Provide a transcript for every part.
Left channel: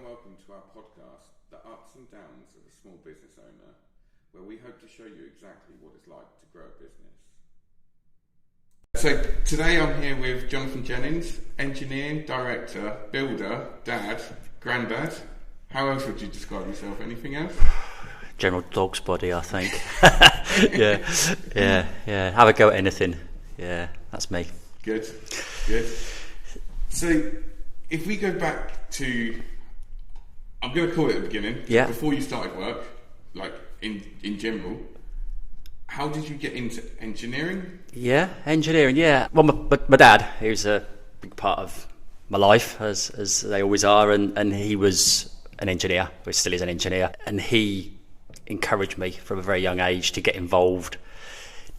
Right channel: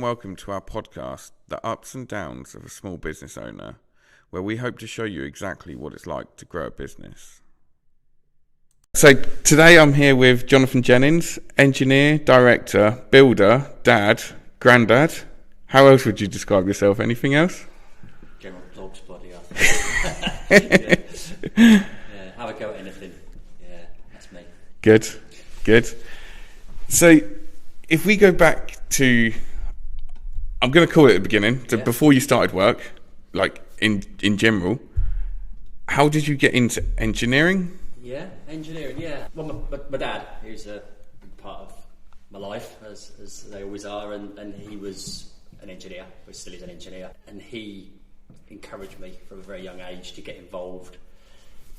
and welcome to our podcast, The Ups and Downs of a Small Business Owner, where we hope to show you exactly what it's like to grow a business. So today I'm here with Jonathan Jennings, engineer, director, builder, dad, granddad. How else would you describe yourself? Anything else? General dog's body, I think. Yeah. Have a go at anything. Yeah, that's me. Good. So if we go back to, I'm going to call it the beginning, so before you started work, like in general, how did you get into engineering? Yeah, engineering, yeah. Well, my dad, he was a big part of my life, as they always are, and he was an engineer, but still is an engineer, and he encouraged me from a very young age to get involved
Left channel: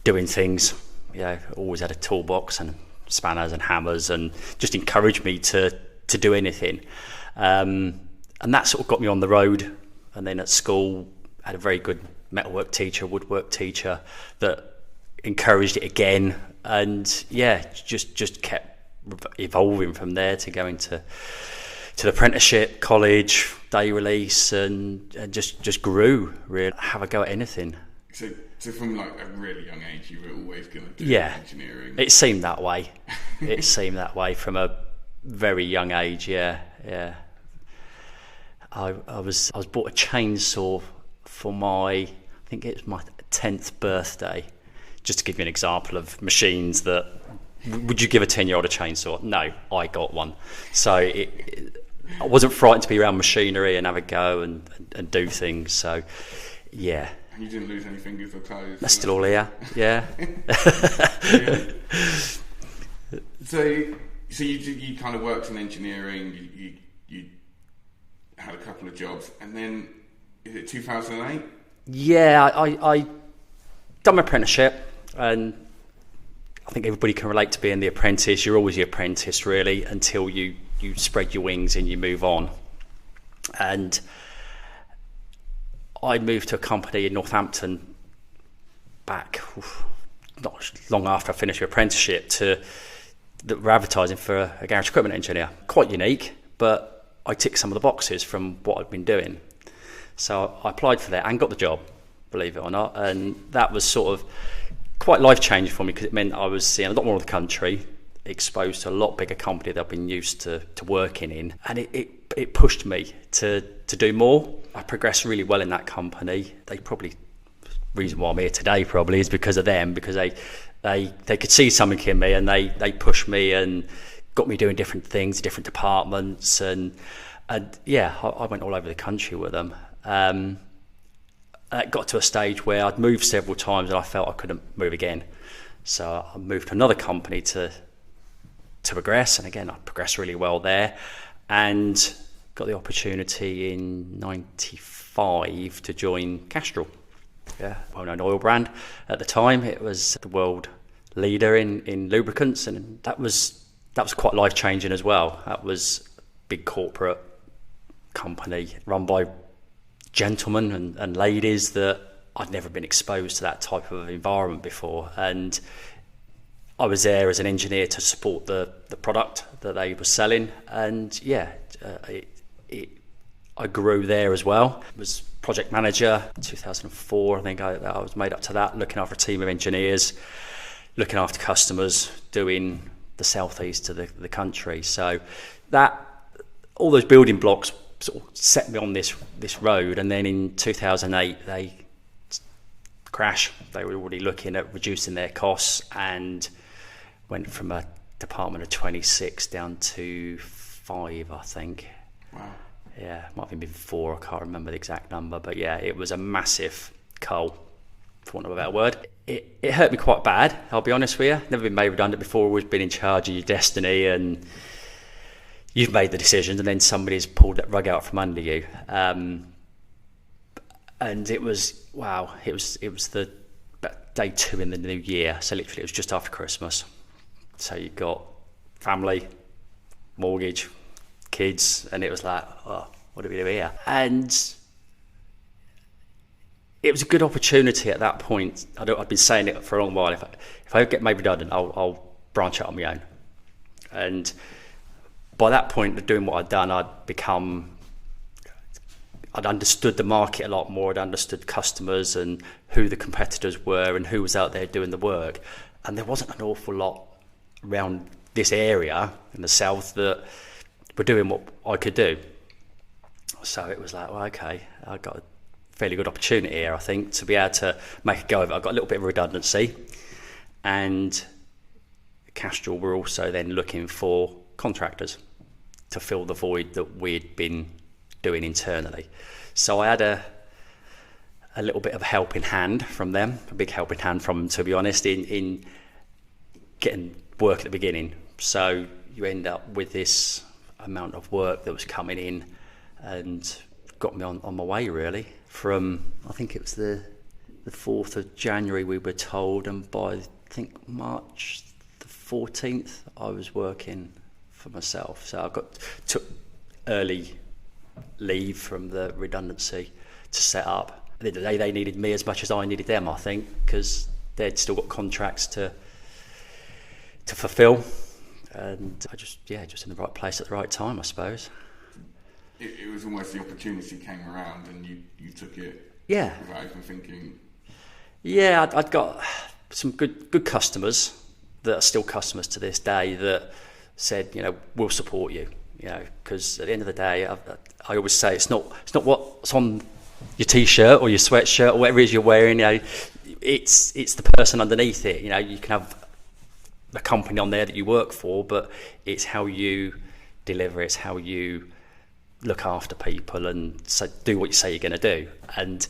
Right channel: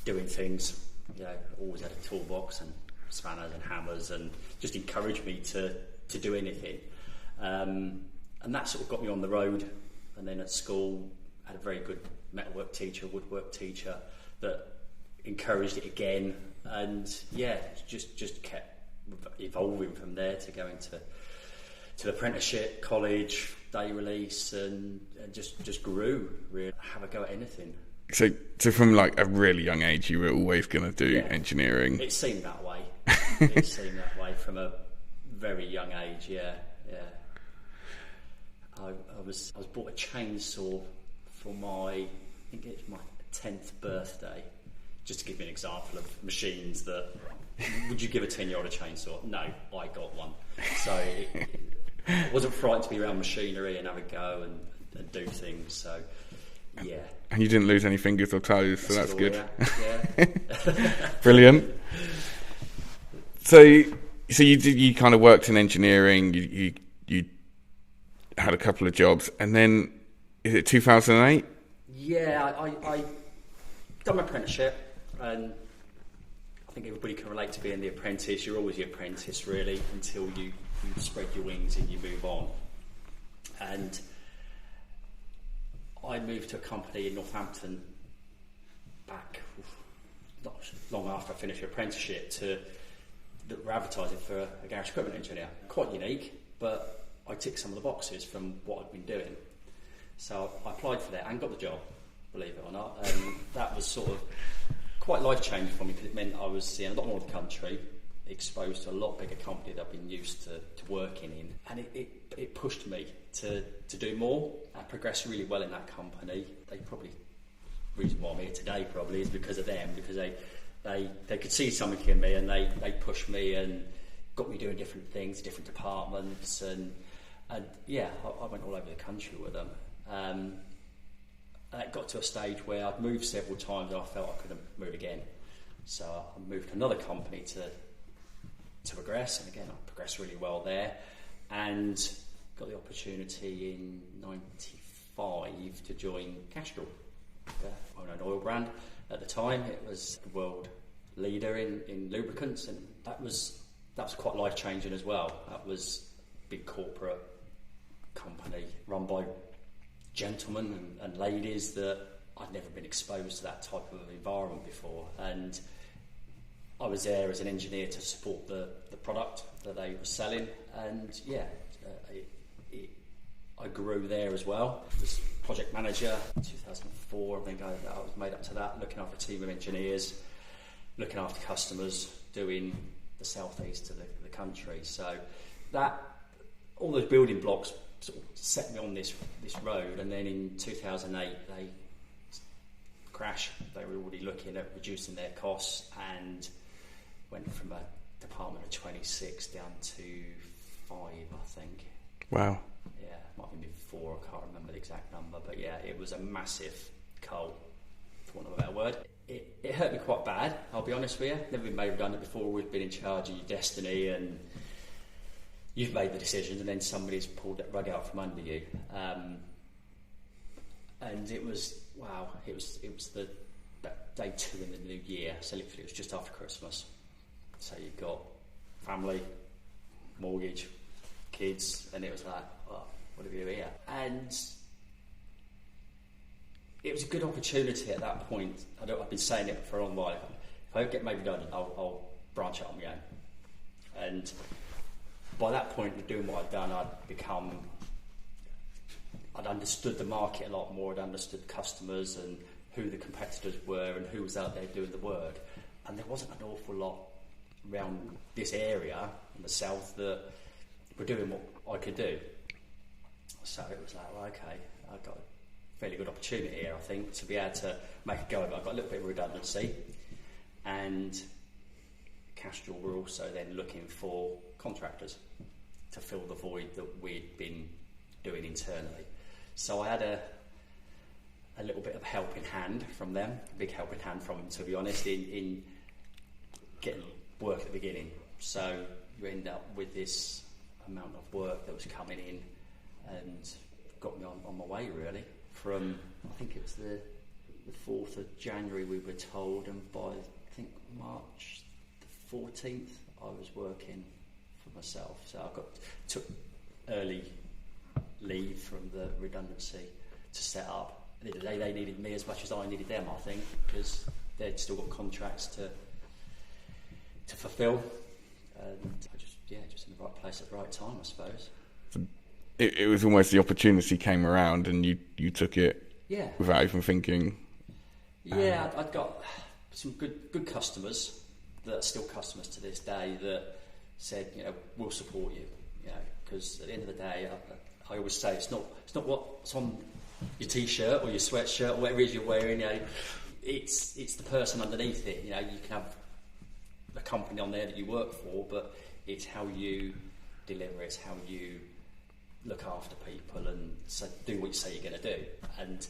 doing things. You know, always had a toolbox and spanners and hammers, and just encouraged me to do anything. And that sort of got me on the road. And then at school, I had a very good metalwork teacher, woodwork teacher that encouraged it again. And yeah, just kept evolving from there to go into the apprenticeship, college, day release, and just grew, really. Have a go at anything. So from like a really young age, you were always going to do engineering? It seemed that way. It seemed that way from a very young age, yeah. I was bought a chainsaw for I think it was my 10th birthday, just to give you an example of machines that, would you give a 10-year-old a chainsaw? No, I got one. So I wasn't frightened to be around machinery and have a go and do things, so yeah. And you didn't lose any fingers or toes? That's still all here, yeah. Brilliant. So you kind of worked in engineering, you had a couple of jobs, and then, is it 2008? Yeah, I done my apprenticeship, and I think everybody can relate to being the apprentice. You're always the apprentice, really, until you spread your wings and you move on. And I moved to a company in Northampton back not long after I finished my apprenticeship that were advertising for a garage equipment engineer. Quite unique, but I ticked some of the boxes from what I'd been doing. So I applied for that and got the job, believe it or not. And that was sort of quite life-changing for me, because it meant I was seeing a lot more of the country, exposed to a lot bigger company that I've been used to working in. And it pushed me to do more. I progressed really well in that company. Reason why I'm here today probably is because of them, because they could see something in me, and they pushed me and got me doing different things, different departments, and yeah, I went all over the country with them. And it got to a stage where I'd moved several times and I felt I couldn't move again. So I moved to another company to progress, and again, I progressed really well there, and got the opportunity in '95 to join Castrol. Yeah, well-known oil brand at the time. It was the world leader in lubricants, and that was quite life-changing as well. That was a big corporate company run by gentlemen and ladies that I'd never been exposed to that type of environment before, and I was there as an engineer to support the product that they were selling, and yeah, I grew there as well. I was project manager in 2004, I think I was made up to that, looking after a team of engineers, looking after customers, doing the southeast of the country. So that, all those building blocks sort of set me on this road. And then in 2008 they crashed. They were already looking at reducing their costs and went from a department of 26 down to 5, I think. Wow. Yeah, might have been 4, I can't remember the exact number, but yeah, it was a massive cull, for want of a better word. It hurt me quite bad, I'll be honest with you. Never been made redundant before, always been in charge of your destiny, and you've made the decisions and then somebody's pulled that rug out from under you. And it was, wow, it was the day 2 in the new year, so literally it was just after Christmas. So you've got family, mortgage, kids, and it was like, oh, what do we do here? And it was a good opportunity at that point. I've been saying it for a long while. If I get made redundant, I'll branch out on my own. And by that point of doing what I'd done, I'd become I'd understood the market a lot more. I'd understood customers and who the competitors were and who was out there doing the work. And there wasn't an awful lot around this area in the south that were doing what I could do. So it was like, well, okay, I got a fairly good opportunity here, I think, to be able to make a go of it. I got a little bit of redundancy, and Castrol were also then looking for contractors to fill the void that we'd been doing internally. So I had a little bit of a helping hand from them, a big helping hand from them, to be honest, in getting work at the beginning. So you end up with this amount of work that was coming in and got me on my way, really. From, I think it was the 4th of January we were told, and by, I think, March the 14th, I was working for myself. So I took early leave from the redundancy to set up. At the end of the day, they needed me as much as I needed them, I think, because they'd still got contracts to fulfill, and I just in the right place at the right time, I suppose. It was almost the opportunity came around and you took it without even thinking. Yeah, I'd got some good customers that are still customers to this day that said, we'll support you, because at the end of the day, I always say it's not what's on your t-shirt or your sweatshirt or whatever it is you're wearing. It's the person underneath it. You can have a company on there that you work for, but it's how you deliver, it's how you look after people and do what you say you're going to do. And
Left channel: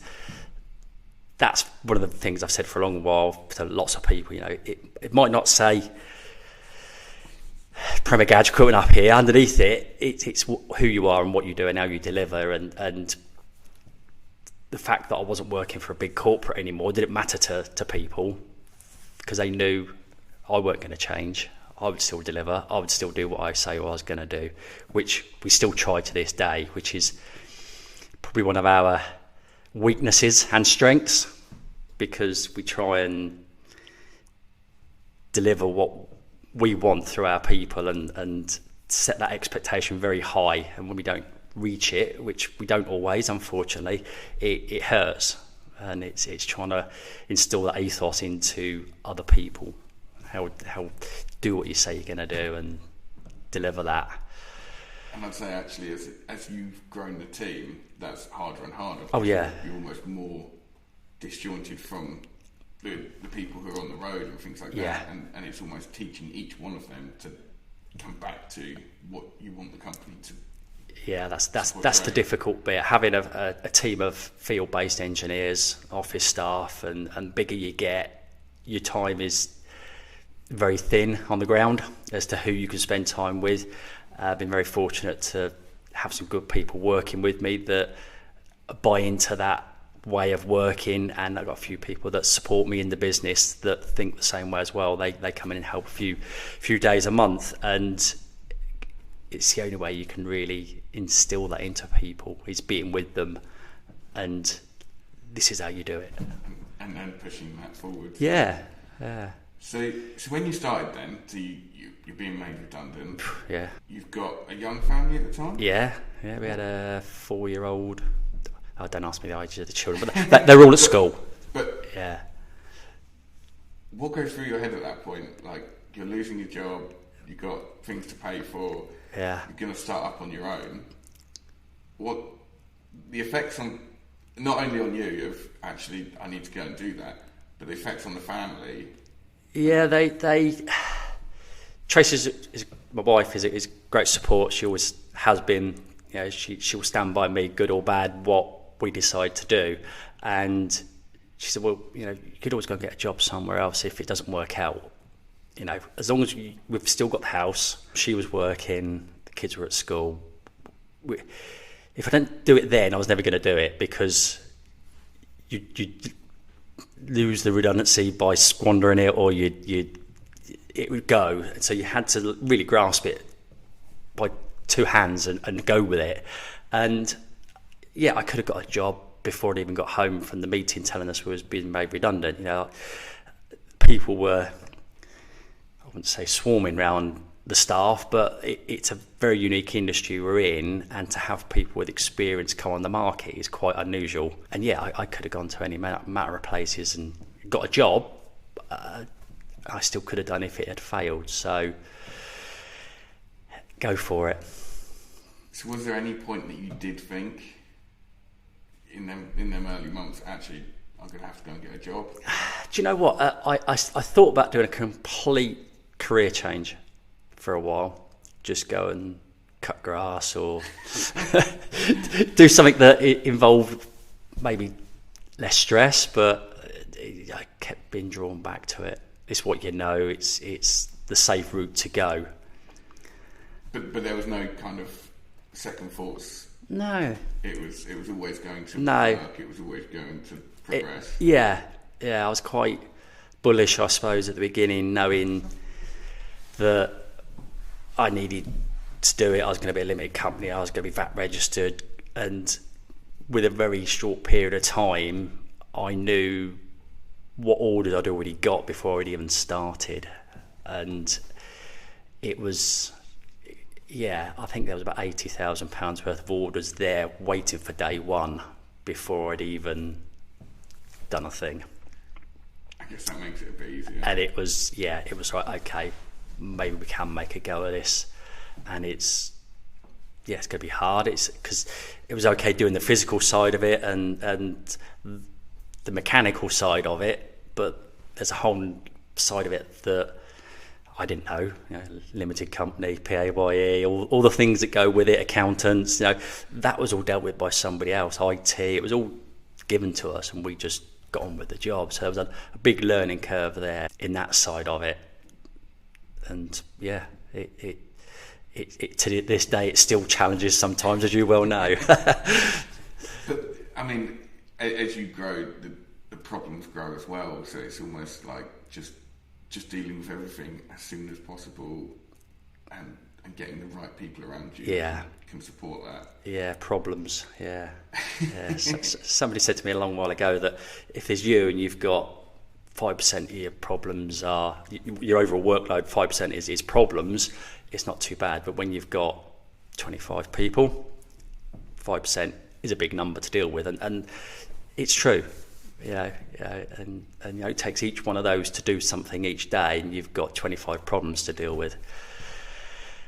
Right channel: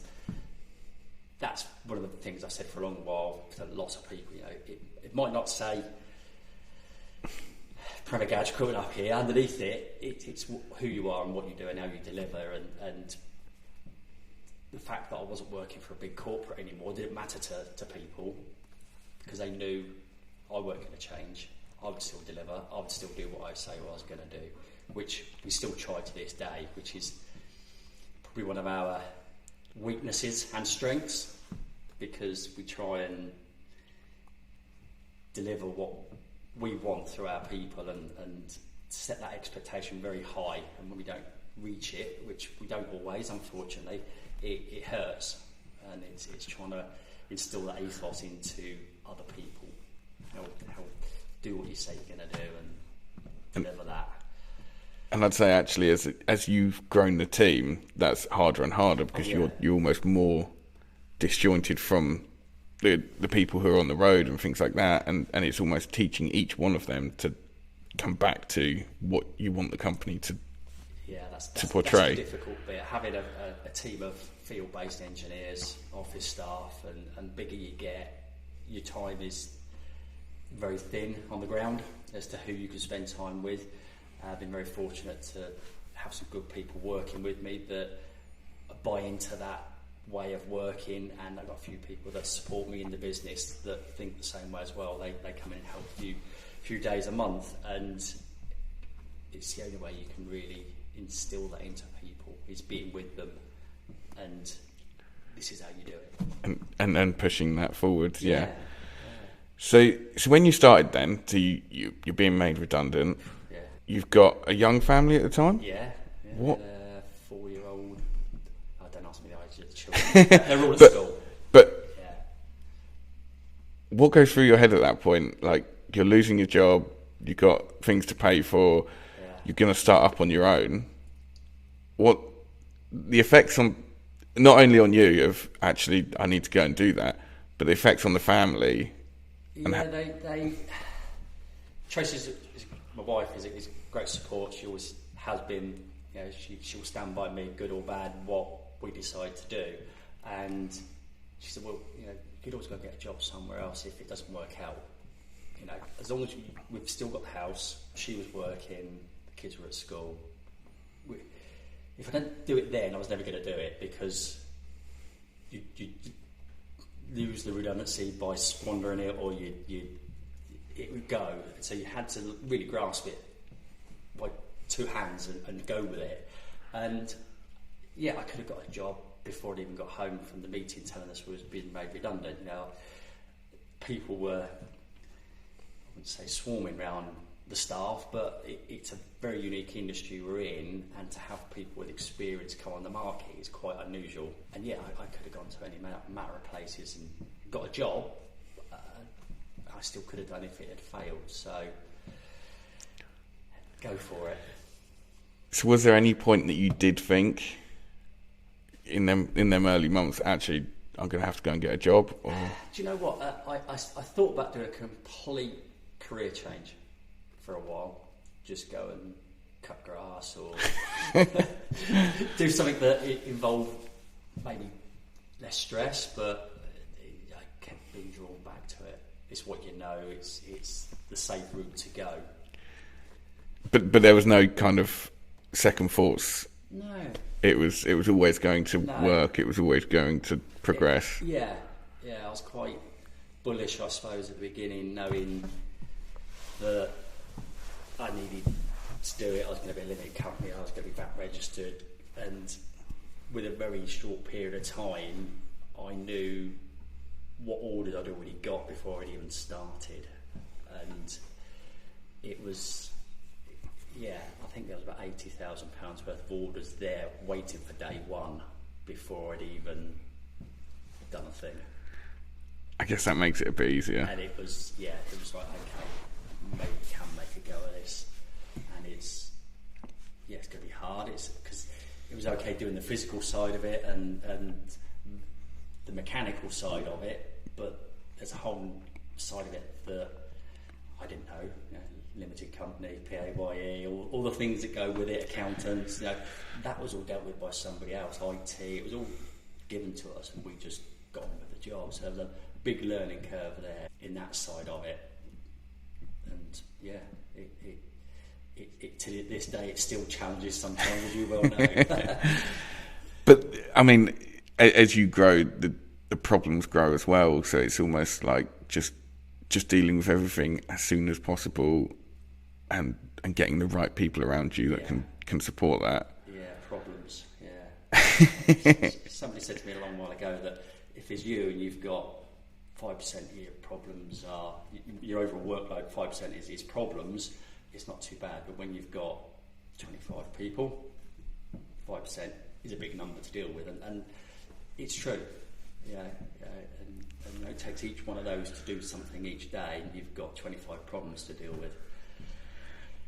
that's one of the things I've said for a long while to lots of people. It might not say Premier Garage Equipment up here. Underneath it's who you are and what you do and how you deliver. And the fact that I wasn't working for a big corporate anymore didn't matter to people, because they knew I weren't going to change. I would still deliver. I would still do what I say I was going to do, which we still try to this day, which is probably one of our weaknesses and strengths, because we try and deliver what we want through our people and set that expectation very high. And when we don't reach it, which we don't always, unfortunately, it hurts. And it's trying to instill that ethos into other people. How do what you say you're going to do and deliver that. And I'd say actually as you've grown the team, that's harder and harder, because you're almost more disjointed from the people who are on the road and things like that, and it's almost teaching each one of them to come back to what you want the company to. Yeah, that's the difficult bit. Having a team of field-based engineers, office staff, and bigger you get, your time is very thin on the ground as to who you can spend time with. I've been very fortunate to have some good people working with me that buy into that way of working, and I've got a few people that support me in the business that think the same way as well. They come in and help a few days a month, and it's the only way you can really instill that into people, is being with them, and this is how you do it. And then pushing that forward. Yeah. So when you started then, so you're being made redundant. Yeah. You've got a young family at the time? Yeah. We had a 4-year-old. Oh, don't ask me the age of the children. But they're all at school. But yeah. What goes through your head at that point? Like, you're losing your job, you've got things to pay for, you're going to start up on your own. What the effects on, not only on you of actually I need to go and do that, but the effects on the family. Yeah, Tracy is my wife, is great support. She always has been. She will stand by me, good or bad, what we decide to do. And she said, well, you could always go and get a job somewhere else if it doesn't work out. As long as we've still got the house, she was working, the kids were at school. If I don't do it then, I was never going to do it, because you lose the redundancy by squandering it, or it would go. So you had to really grasp it by two hands and go with it. And I could have got a job before I even got home from the meeting telling us we was being made redundant. People were, I wouldn't say swarming around the staff, but it's a very unique industry we're in, and to have people with experience come on the market is quite unusual. And yeah, I could have gone to any matter of places and got a job. I still could have done if it had failed. So go for it. So was there any point that you did think in them early months, actually, I'm going to have to go and get a job? Do you know what? I thought about doing a complete career change for a while. Just go and cut grass or do something that involved maybe less stress, but I kept being drawn back to it. It's what you know. It's the safe route to go. But there was no kind of second thoughts. No. It was always going to work. It was always going to progress. Yeah. I was quite bullish, I suppose, at the beginning, knowing that I needed to do it. I was going to be a limited company. I was going to be VAT registered, and with a very short period of time, I knew what orders I'd already got before I'd even started, and it was. Yeah, I think there was about £80,000 worth of orders there waiting for day one before I'd even done a thing. I guess that makes it a bit easier. And it was like, okay, maybe we can make a go of this. And it's going to be hard. It's because it was okay doing the physical side of it and the mechanical side of it, but there's a whole side of it that I didn't know, limited company, PAYE, all the things that go with it, accountants, that was all dealt with by somebody else, IT, it was all given to us and we just got on with the job. So there was a big learning curve there in that side of it. And yeah, it to this day, it still challenges sometimes, as you well know. But I mean, as you grow, the problems grow as well. So it's almost like just dealing with everything as soon as possible and getting the right people around you that can support that. Yeah, problems, yeah. Somebody said to me a long while ago that if there's you and you've got 5% of your problems are, your overall workload, 5% is problems, it's not too bad. But when you've got 25 people, 5% is a big number to deal with. And it's true. And it takes each one of those to do something each day, and you've got 25 problems to deal with,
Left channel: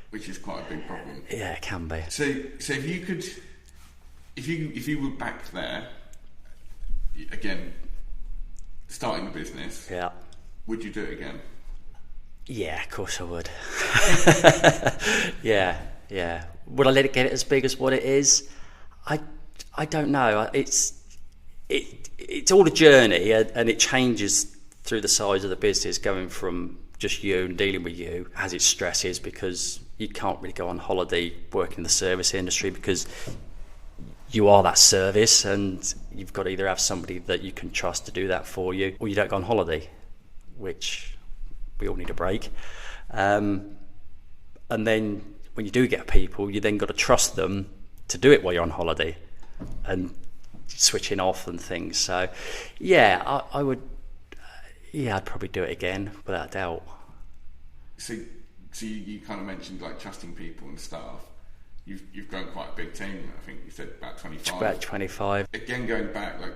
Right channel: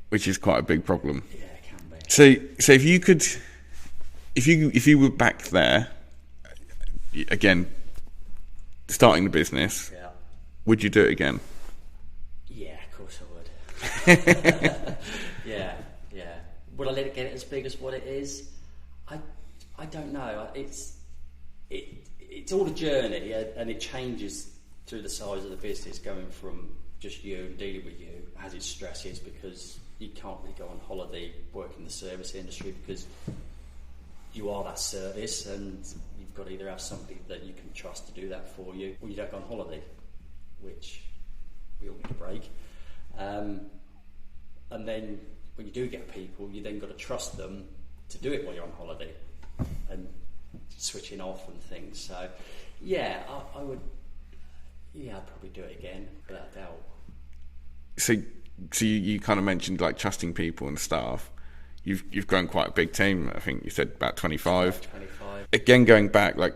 which is quite a big problem. Yeah, it can be. So if you were back there again, starting the business, would you do it again? Yeah, of course I would. Yeah. Would I let it get as big as what it is? I don't know. It's all a journey, and it changes through the size of the business, going from just you and dealing with you has its stresses, because you can't really go on holiday working in the service industry because you are that service, and you've got to either have somebody that you can trust to do that for you, or you don't go on holiday, which we all need a break. And then when you do get people, you then got to trust them to do it while you're on holiday and switching off and things. So yeah, I would, I'd probably do it again without a doubt. So you kind of mentioned like trusting people and staff. You've grown quite a big team. I think you said about 25. About 25. Again, going back, like,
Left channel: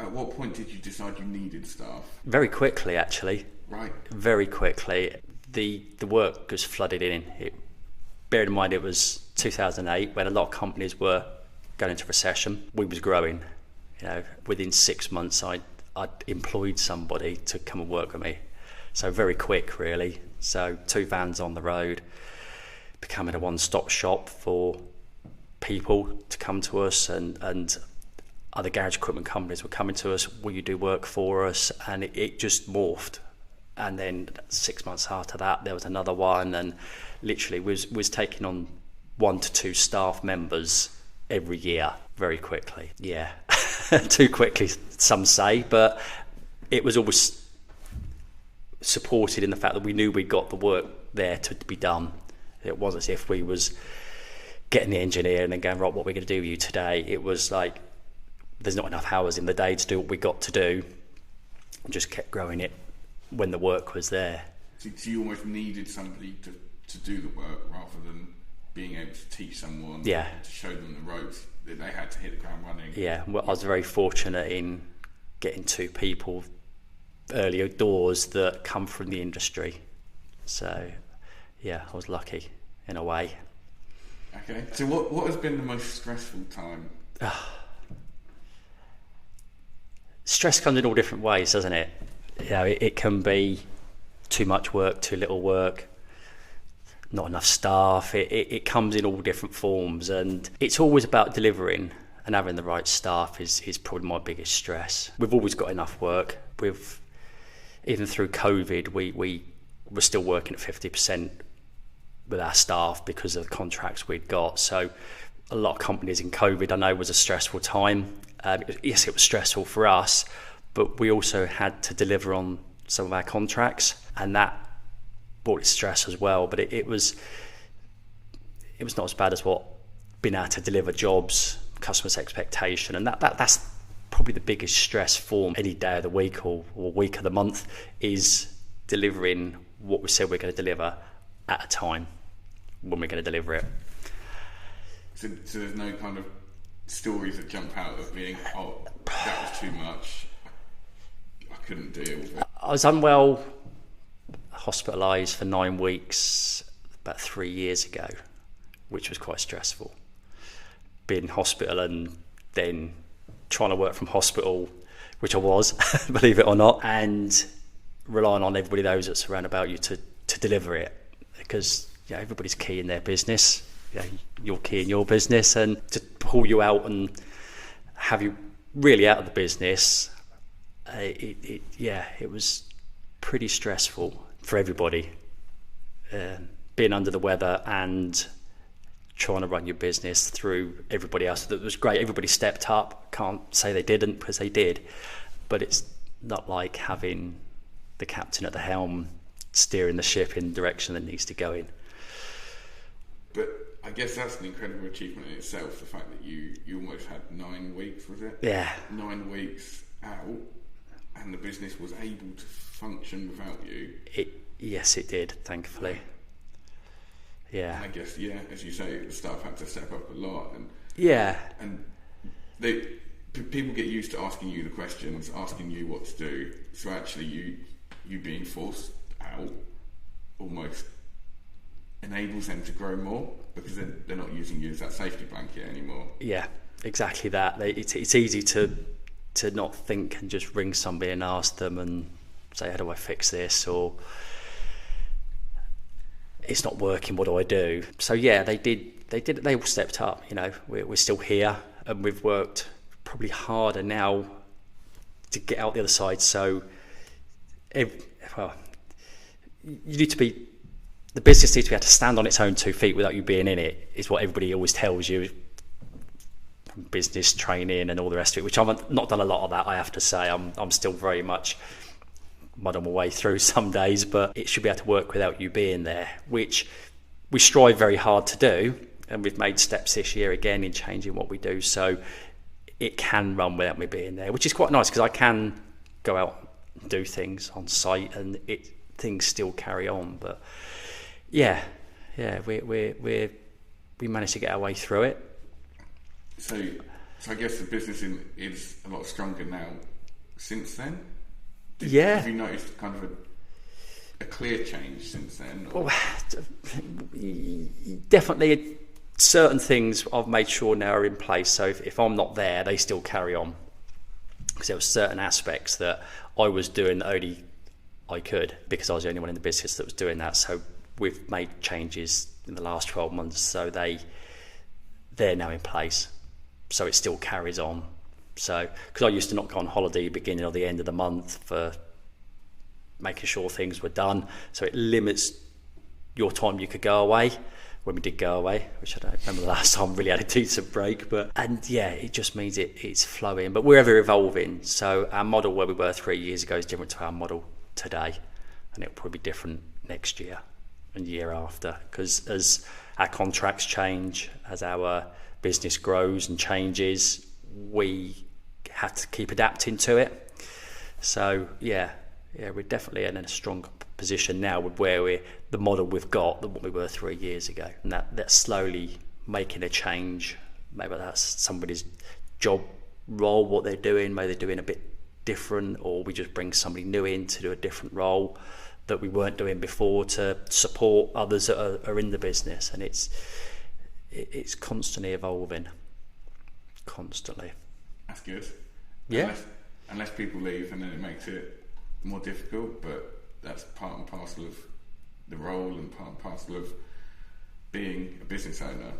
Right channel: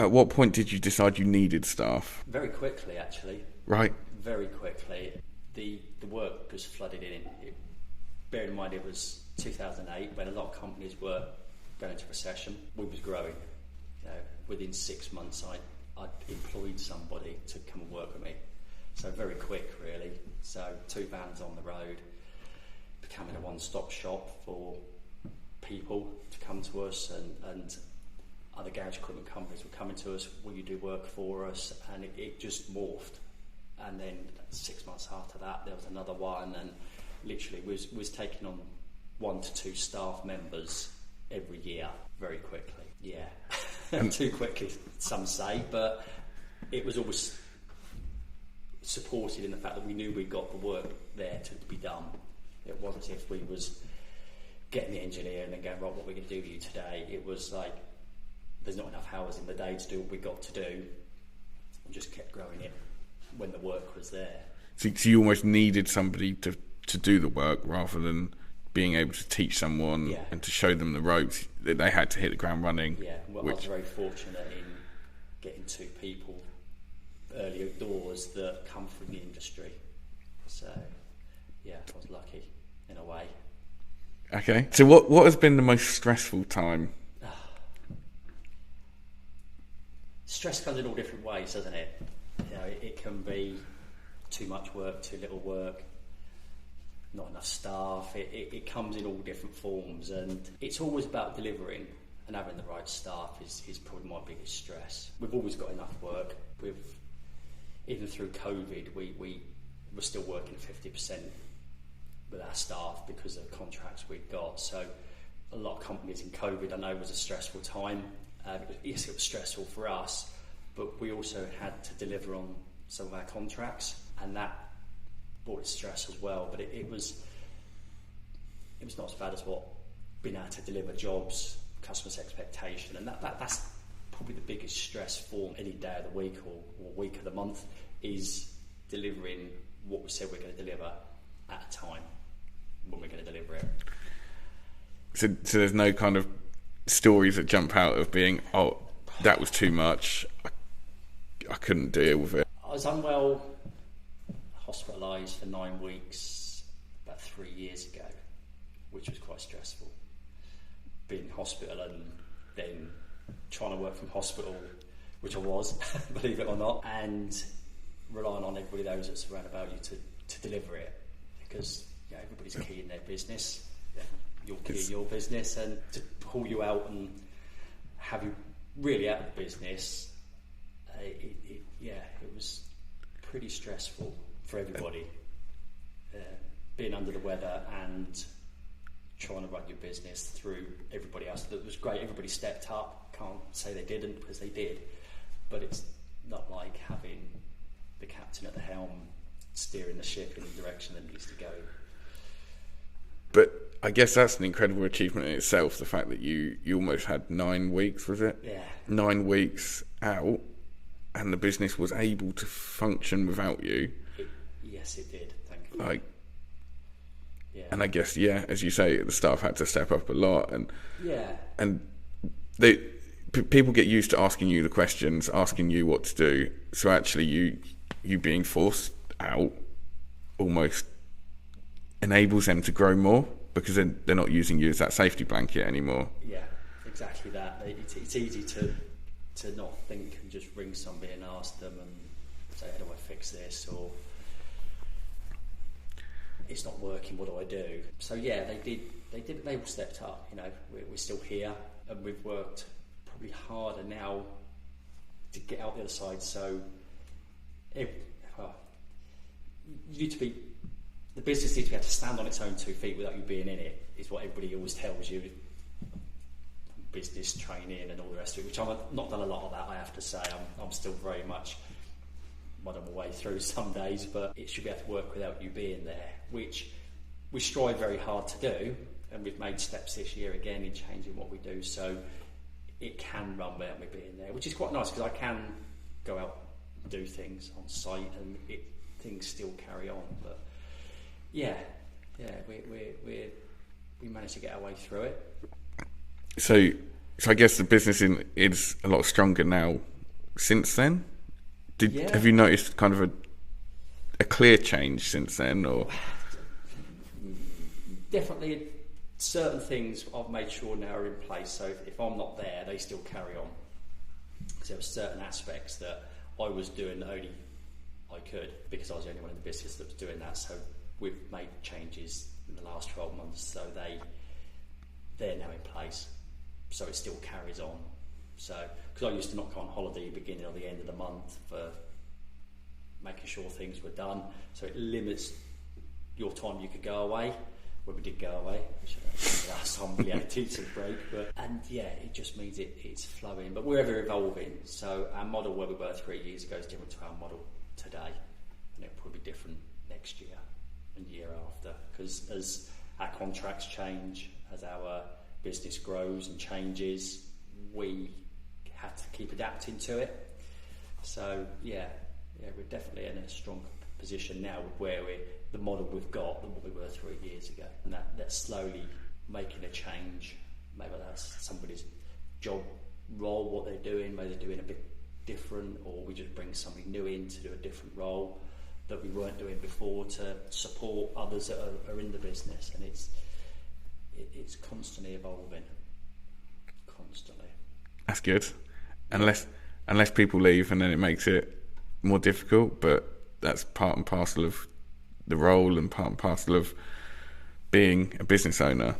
at what point did you decide you needed staff? Very quickly, actually. Right. Very quickly. The work was flooded in. Bear in mind, it was 2008 when a lot of companies were going into recession. We was growing. Within 6 months, I'd employed somebody to come and work with me. So very quick, really. So 2 vans on the road, becoming a one-stop shop for people to come to us, and other garage equipment companies were coming to us. Will you do work for us? And it just morphed. And then 6 months after that, there was another one, and literally was taking on 1 to 2 staff members every year very quickly. Yeah. Too quickly, some say, but it was always supported in the fact that we knew we got the work there to be done. It wasn't as if we was getting the engineer and then going, right, what we're going to do with you today. It was like, there's not enough hours in the day to do what we got to do, and just kept growing it when the work was there. So you almost needed somebody to to do the work rather than being able to teach someone and to show them the ropes. That they had to hit the ground running. Yeah, well, I was very fortunate in getting 2 people earlier doors that come from the industry. So, yeah, I was lucky in a way. Okay. So what has been the most stressful time? Stress comes in all different ways, doesn't it? You know, it can be too much work, too little work, not enough staff. It comes in all different forms, and it's always about delivering, and having the right staff is probably my biggest stress. We've always got enough work. Even through COVID, we were still working at 50% with our staff because of the contracts we'd got. So a lot of companies in COVID, I know, was a stressful time. Yes, it was stressful for us, but we also had to deliver on some of our contracts, and that brought its stress as well. But it was not as bad as what being able to deliver jobs, customers' expectation, and that's probably the biggest stress for any day of the week or week of the month, is delivering what we said we're going to deliver at a time when we're going to deliver it. So there's no kind of stories that jump out of being, oh, that was too much, I couldn't deal with it. I was unwell, hospitalised for 9 weeks about 3 years ago, which was quite stressful. Being in hospital and then trying to work from hospital, which I was, believe it or not, and relying on everybody, those that surround about you, to deliver it, because everybody's key in their business. You're key in your business, and to pull you out and have you really out of the business, it was pretty stressful for everybody, being under the weather and trying to run your business through everybody else. That was great. Everybody stepped up. Can't say they didn't, because they did, but it's not like having the captain at the helm steering the ship in the direction that needs to go in. But I guess that's an incredible achievement in itself, the fact that you almost had 9 weeks, was it? Yeah. 9 weeks out, and the business was able to function without you. Yes, it did, thankfully. Yeah. And I guess, as you say, the staff had to step up a lot, and people get used to asking you the questions, asking you what to do. So actually, you being forced out almost enables them to grow more, because they're not using you as that safety blanket anymore. Yeah, exactly that. It's easy to not think and just ring somebody and ask them and say, how do I fix this? Or it's not working, what do I do? So yeah, they all stepped up. We're still here, and we've worked probably harder now to get out the other side. So the business needs to be able to stand on its own 2 feet without you being in it, is what everybody always tells you, from business training and all the rest of it, which I've not done a lot of that, I have to say. I'm still very much muddling my way through some days, but it should be able to work without you being there, which we strive very hard to do, and we've made steps this year again in changing what we do, so it can run without me being there, which is quite nice, because I can go out and do things on site and things still carry on. But we managed to get our way through it. So I guess the business is a lot stronger now since then. Have you noticed kind of a clear change since then? Or? Definitely, certain things I've made sure now are in place. So if I'm not there, they still carry on, because there were certain aspects that I was doing that only I could, because I was the only one in the business that was doing that. So we've made changes in the last 12 months, so they're now in place, so it still carries on. So, because I used to not go on holiday beginning or the end of the month for making sure things were done, so it limits your time you could go away. When we did go away, which I don't remember the last time we really had a decent break, it just means it's flowing. But we're ever evolving, so our model where we were 3 years ago is different to our model today, and it'll probably be different next year and year after, because as our contracts change, as our business grows and changes, we have to keep adapting to it. So we're definitely in a strong position now with where we're the model we've got than what we were 3 years ago, and that's slowly making a change. Maybe that's somebody's job role, what they're doing, maybe they're doing a bit different, or we just bring somebody new in to do a different role that we weren't doing before to support others that are in the business. And it's constantly evolving, constantly. That's good. Yeah. Unless people leave, and then it makes it more difficult, but that's part and parcel of the role and part and parcel of being a business owner.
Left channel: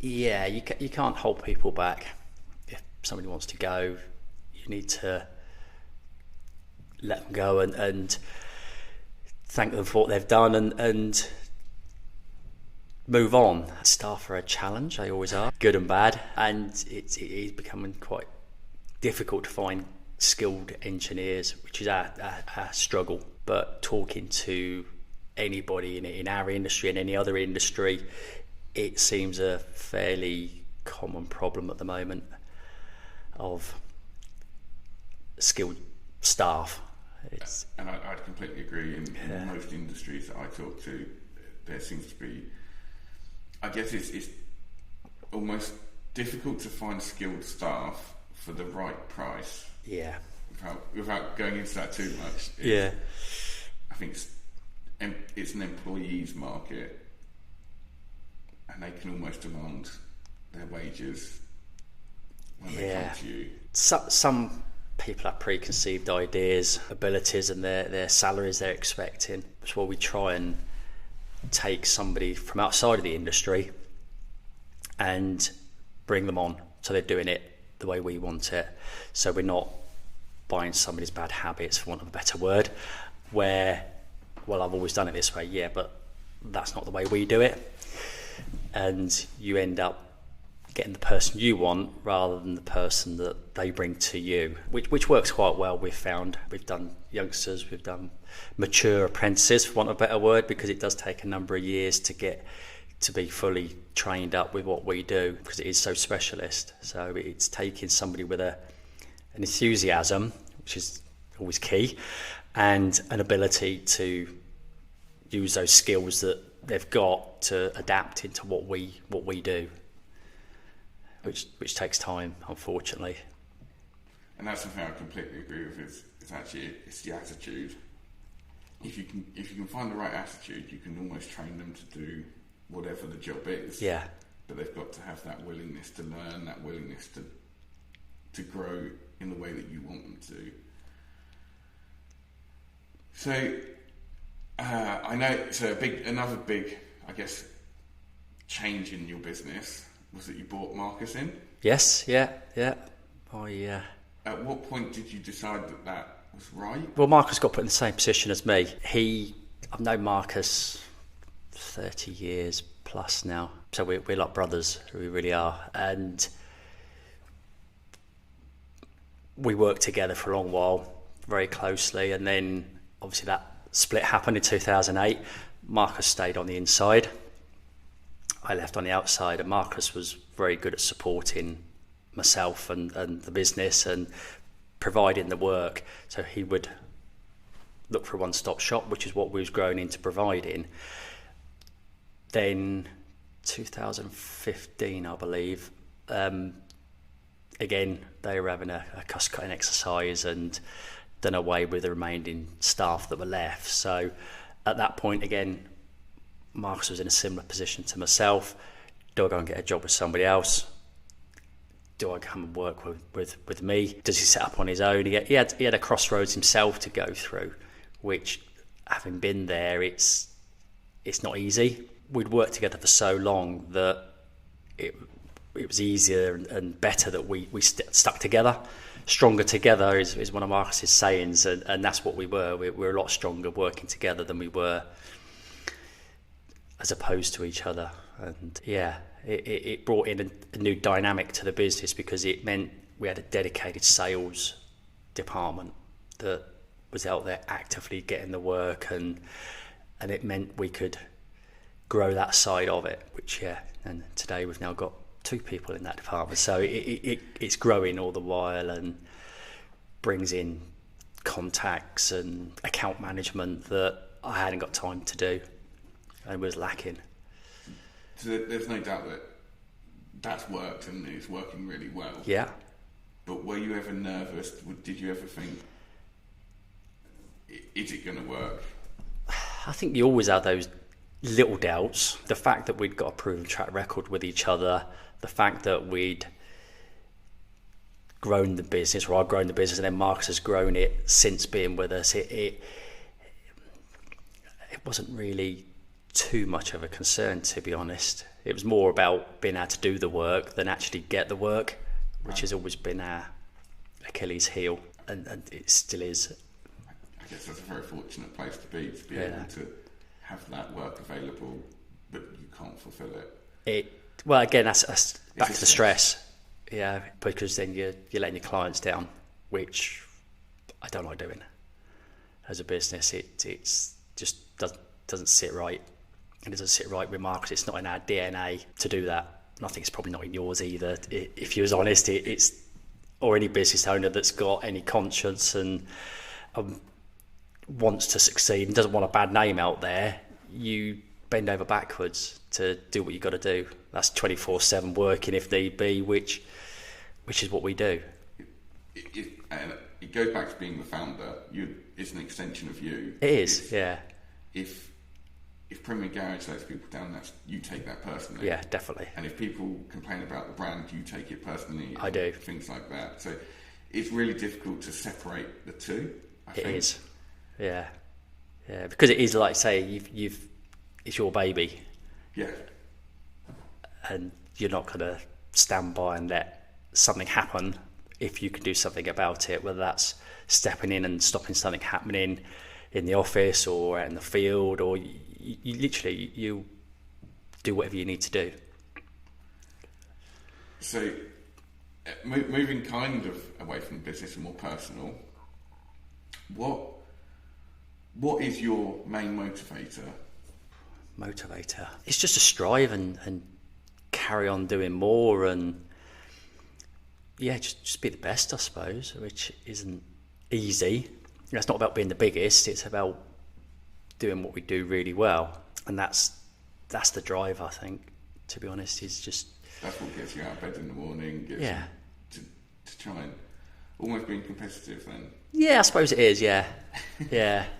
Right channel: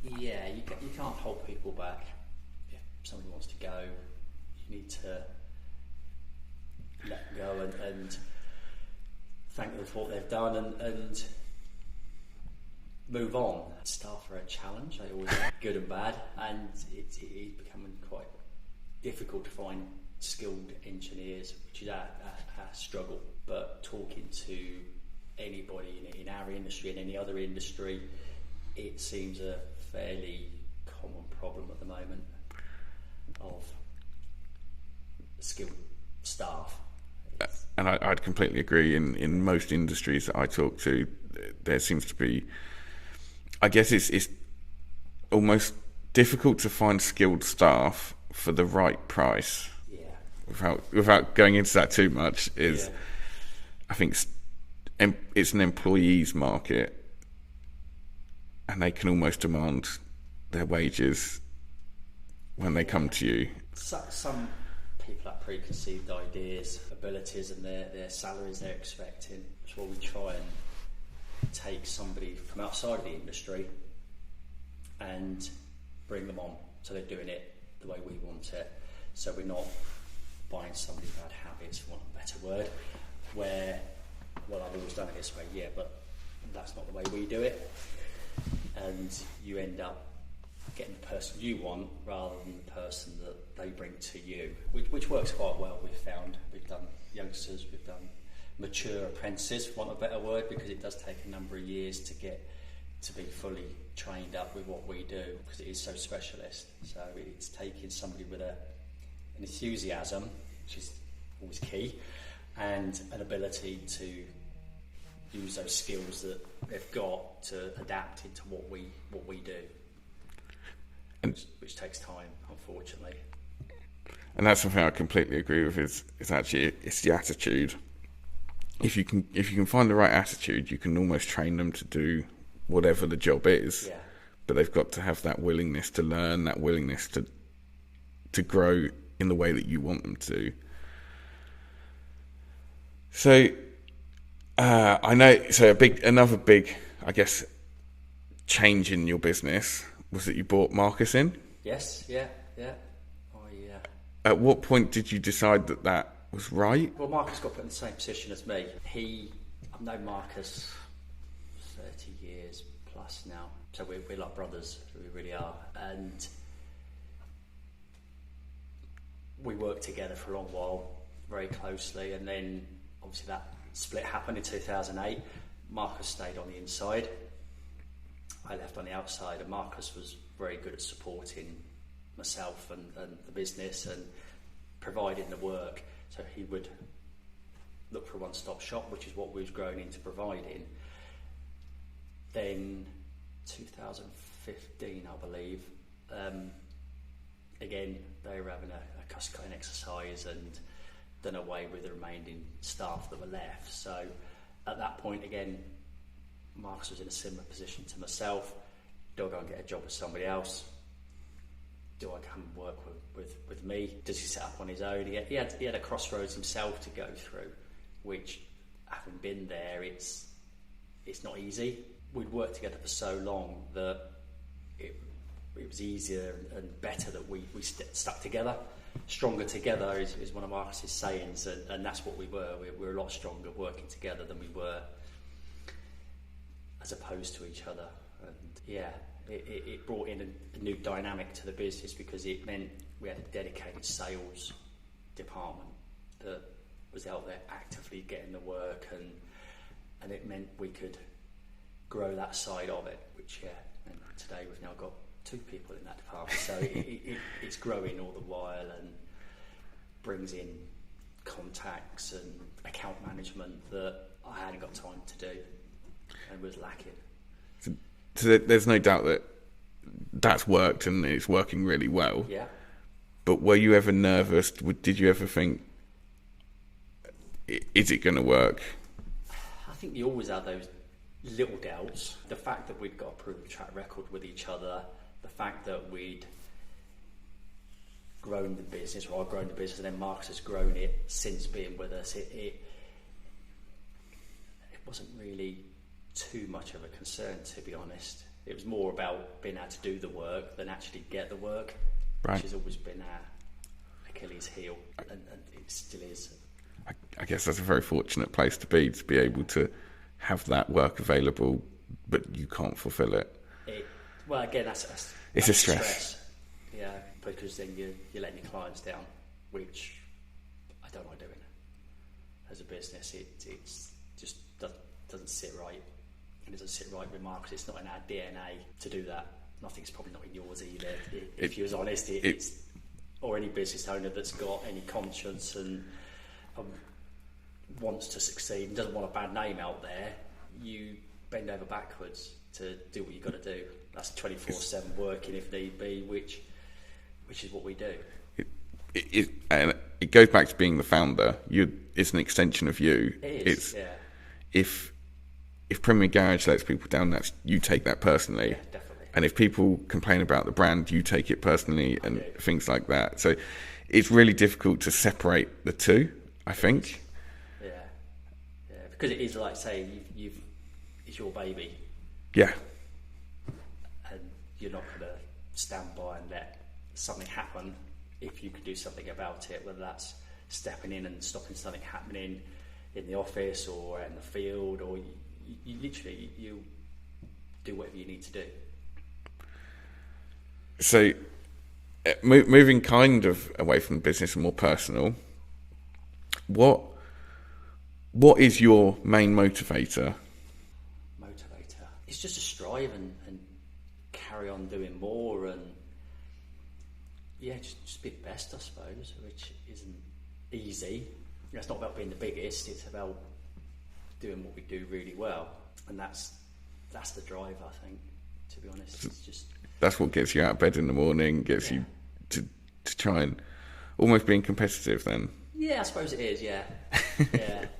Yeah, you can't hold people back. If somebody wants to go, you need to let them go and thank them for what they've done and move on. Staff are a challenge, they always are, good and bad, and it is becoming quite difficult to find skilled engineers, which is our struggle. But talking to anybody in our industry and any other industry, it seems a fairly common problem at the moment of skilled staff. And I'd completely agree. In most industries that I talk to, there seems to be, I guess it's almost difficult to find skilled staff for the right price. Yeah. Without going into that too much, I think it's an employee's market, and they can almost demand their wages when they come to you. Some people have preconceived ideas, abilities, and their salaries they're expecting. So we try and take somebody from outside of the industry and bring them on, so they're doing it the way we want it. So we're not buying somebody's bad habits, for want of a better word, where, well, I've always done it this way, yeah, but that's not the way we do it. And you end up getting the person you want rather than the person that they bring to you, which works quite well. We've found we've done youngsters, we've done mature apprentices, for want of a better word, because it does take a number of years to get to be fully trained up with what we do, because it is so specialist. So it's taking somebody with an enthusiasm, which is always key, and an ability to use those skills that they've got to adapt into what we do, which takes time, unfortunately. And that's something I completely agree with. Is actually it's the attitude. If you can find the right attitude, you can almost train them to do whatever the job is. Yeah. But they've got to have that willingness to learn, that willingness to grow in the way that you want them to. So I know. So another big, I guess, change in your business was that you brought Marcus in. Yes. Yeah. At what point did you decide that was right? Well, Marcus got put in the same position as me. I've known Marcus 30 years plus now, so we're like brothers. We really are, and we worked together for a long while, very closely, and then obviously that split happened in 2008. Marcus stayed on the inside, I left on the outside, and Marcus was very good at supporting myself and the business and providing the work. So he would look for a one-stop shop, which is what we was growing into providing. Then 2015, I believe, again, they were having a cost-cutting exercise and done away with the remaining staff that were left. So at that point, again, Marcus was in a similar position to myself. Do I go and get a job with somebody else? Do I come and work with me? Does he set up on his own? He had a crossroads himself to go through, which, having been there, it's not easy. We'd worked together for so long that it was easier and better that we stuck together. Stronger together is one of Marcus's sayings, and that's what we were. We were a lot stronger working together than we were as opposed to each other. And yeah, it brought in a new dynamic to the business, because it meant we had a dedicated sales department that was out there actively getting the work, and it meant we could grow that side of it, which and today we've now got 2 people in that department, so it's growing all the while and brings in contacts and account management that I hadn't got time to do and was lacking. So there's no doubt that that's worked and it's working really well. Yeah. But were you ever nervous? Did you ever think, is it going to work? I think you always have those little doubts. The fact that we'd got a proven track record with each other, the fact that we'd grown the business, or I've grown the business, and then Marcus has grown it since being with us. It wasn't really too much of a concern, to be honest. It was more about being able to do the work than actually get the work, which has always been our Achilles heel, and it still is. I guess that's a very fortunate place to be able to have that work available, but you can't fulfill it. Well, again, that's a stress. Yeah, because then you're letting your clients down, which I don't like doing. As a business, it's just doesn't sit right. It doesn't sit right with Marcus. It's not in our DNA to do that. And I think it's probably not in yours either. If you was honest, it's or any business owner that's got any conscience and wants to succeed and doesn't want a bad name out there, you bend over backwards to do what you've got to do. That's 24/7 working if need be, which is what we do. And it goes back to being the founder. It's an extension of you. It is, yeah. If Premier Garage lets people down, you take that personally. Yeah, definitely. And if people complain about the brand, you take it personally. I do. Things like that. So it's really difficult to separate the two, I think. Is. Yeah, because it is like, say, it's your baby. Yeah. And you're not going to stand by and let something happen if you can do something about it, whether that's stepping in and stopping something happening in the office or out in the field, or you literally do whatever you need to do. So moving kind of away from business and more personal, what is your main motivator? It's just to strive and carry on doing more, and just be the best, I suppose, which isn't easy. It's not about being the biggest, it's about doing what we do really well, and that's the drive, I think, to be honest. It's just that's what gets you out of bed in the morning, gets you to try and almost being competitive then. Yeah, I suppose it is, yeah,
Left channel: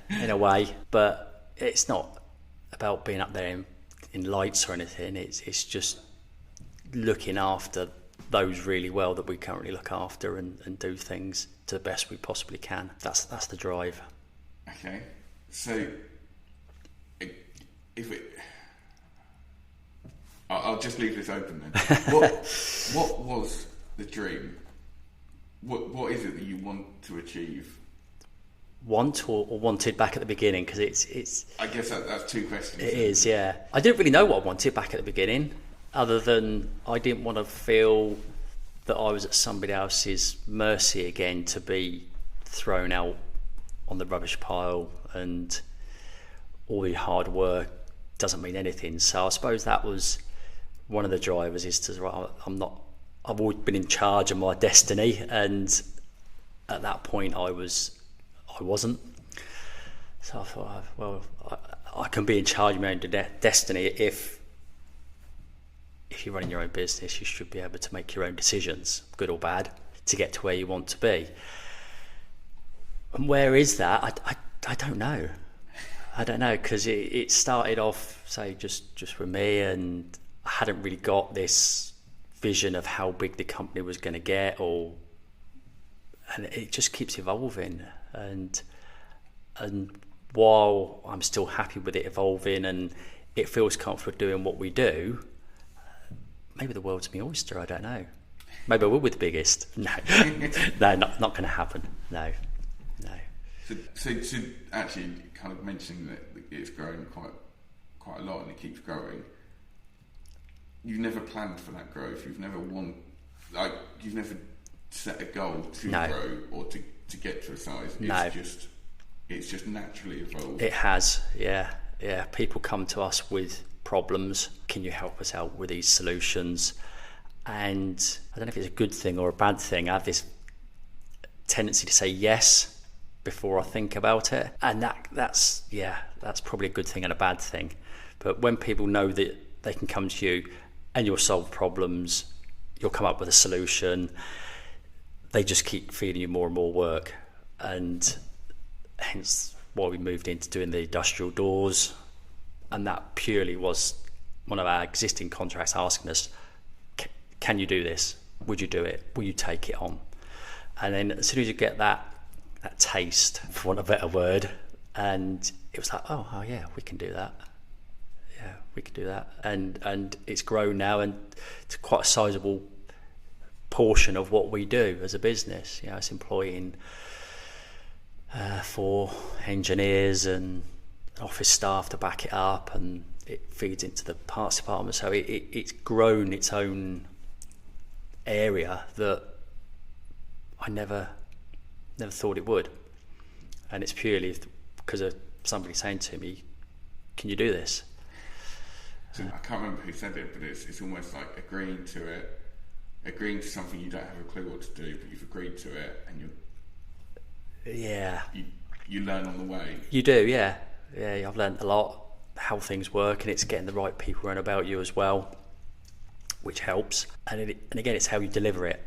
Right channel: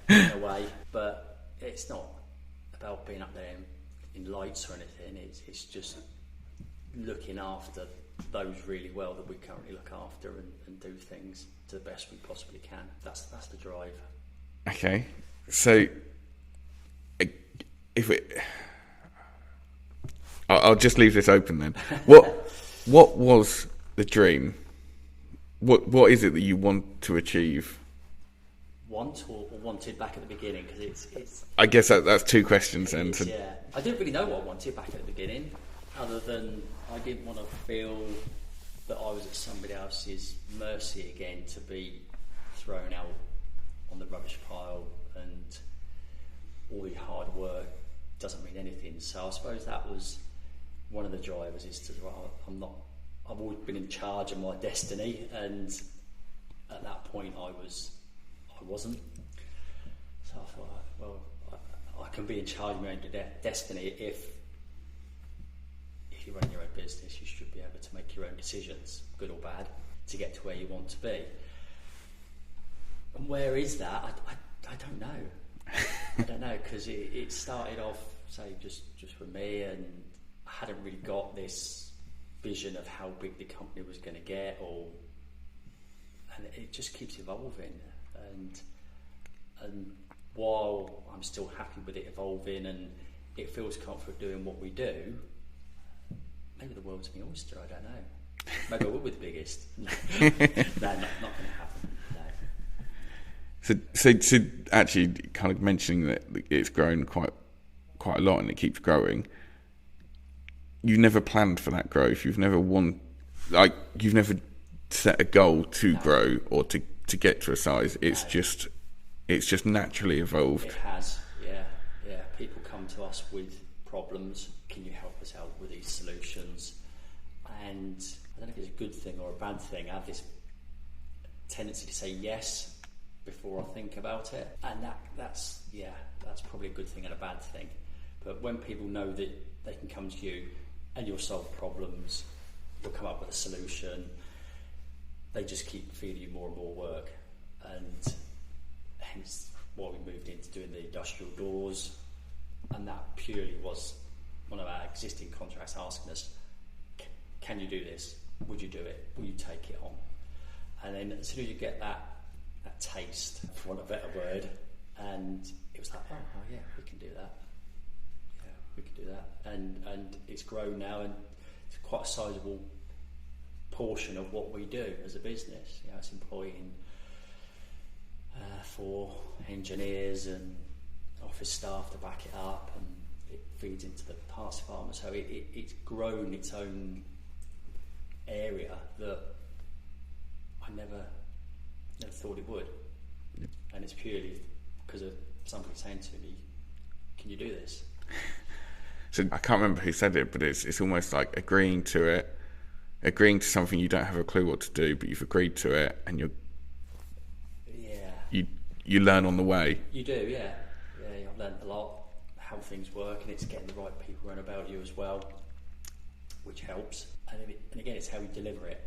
in a way, but it's not about being up there in lights or anything. It's just looking after those really well that we currently look after, and do things to the best we possibly can. That's the drive. Okay, so I'll just leave this open then. What was the dream? What is it that you want to achieve? Want or wanted back at the beginning? Because it's. I guess that's two questions. It is, yeah. I didn't really know what I wanted back at the beginning, other than I didn't want to feel that I was at somebody else's mercy again, to be thrown out on the rubbish pile, and all the hard work doesn't mean anything. So I suppose that was one of the drivers, is to I've always been in charge of my destiny, and at that point I wasn't. So I thought, well, I can be in charge of my own destiny. If you're running your own business, you should be able to make your own decisions, good or bad, to get to where you want to be. And where is that? I don't know. I don't know, because it started off, say, just with me, and I hadn't really got this vision of how big the company was going to get, and it just keeps evolving. And while I'm still happy with it evolving and it feels comfortable doing what we do, maybe the world's my oyster, I don't know. Maybe I will be the biggest. No, no, not going to happen. No. So actually, kind of mentioning that it's grown quite a lot and it keeps growing. You never planned for that growth. You've never you've never set a goal to grow or to get to a size. It's just naturally evolved. It has, yeah. People come to us with problems. Can you help us out with these solutions? And I don't know if it's a good thing or a bad thing. I have this tendency to say yes before I think about it, and that's probably a good thing and a bad thing. But when people know that they can come to you and you'll solve problems, you'll come up with a solution, they just keep feeding you more and more work. And hence why we moved into doing the industrial doors. And that purely was one of our existing contracts asking us, can you do this? Would you do it? Will you take it on? And then as soon as you get that taste, for want of a better word, and it was like, oh yeah, we can do that. Yeah, we can do that. And it's grown now, and it's quite a sizable portion of what we do as a business. You know, it's employing 4 engineers and office staff to back it up, and it feeds into the parts department. So it's grown its own area that I never thought it would. And it's purely because of somebody saying to me, can you do this? So I can't remember who said it, but it's almost like agreeing to something you don't have a clue what to do, but you've agreed to it, and you learn on the way. You do, yeah. I've learned a lot how things work, and it's getting the right people around about you as well, which helps. And again, it's how you deliver it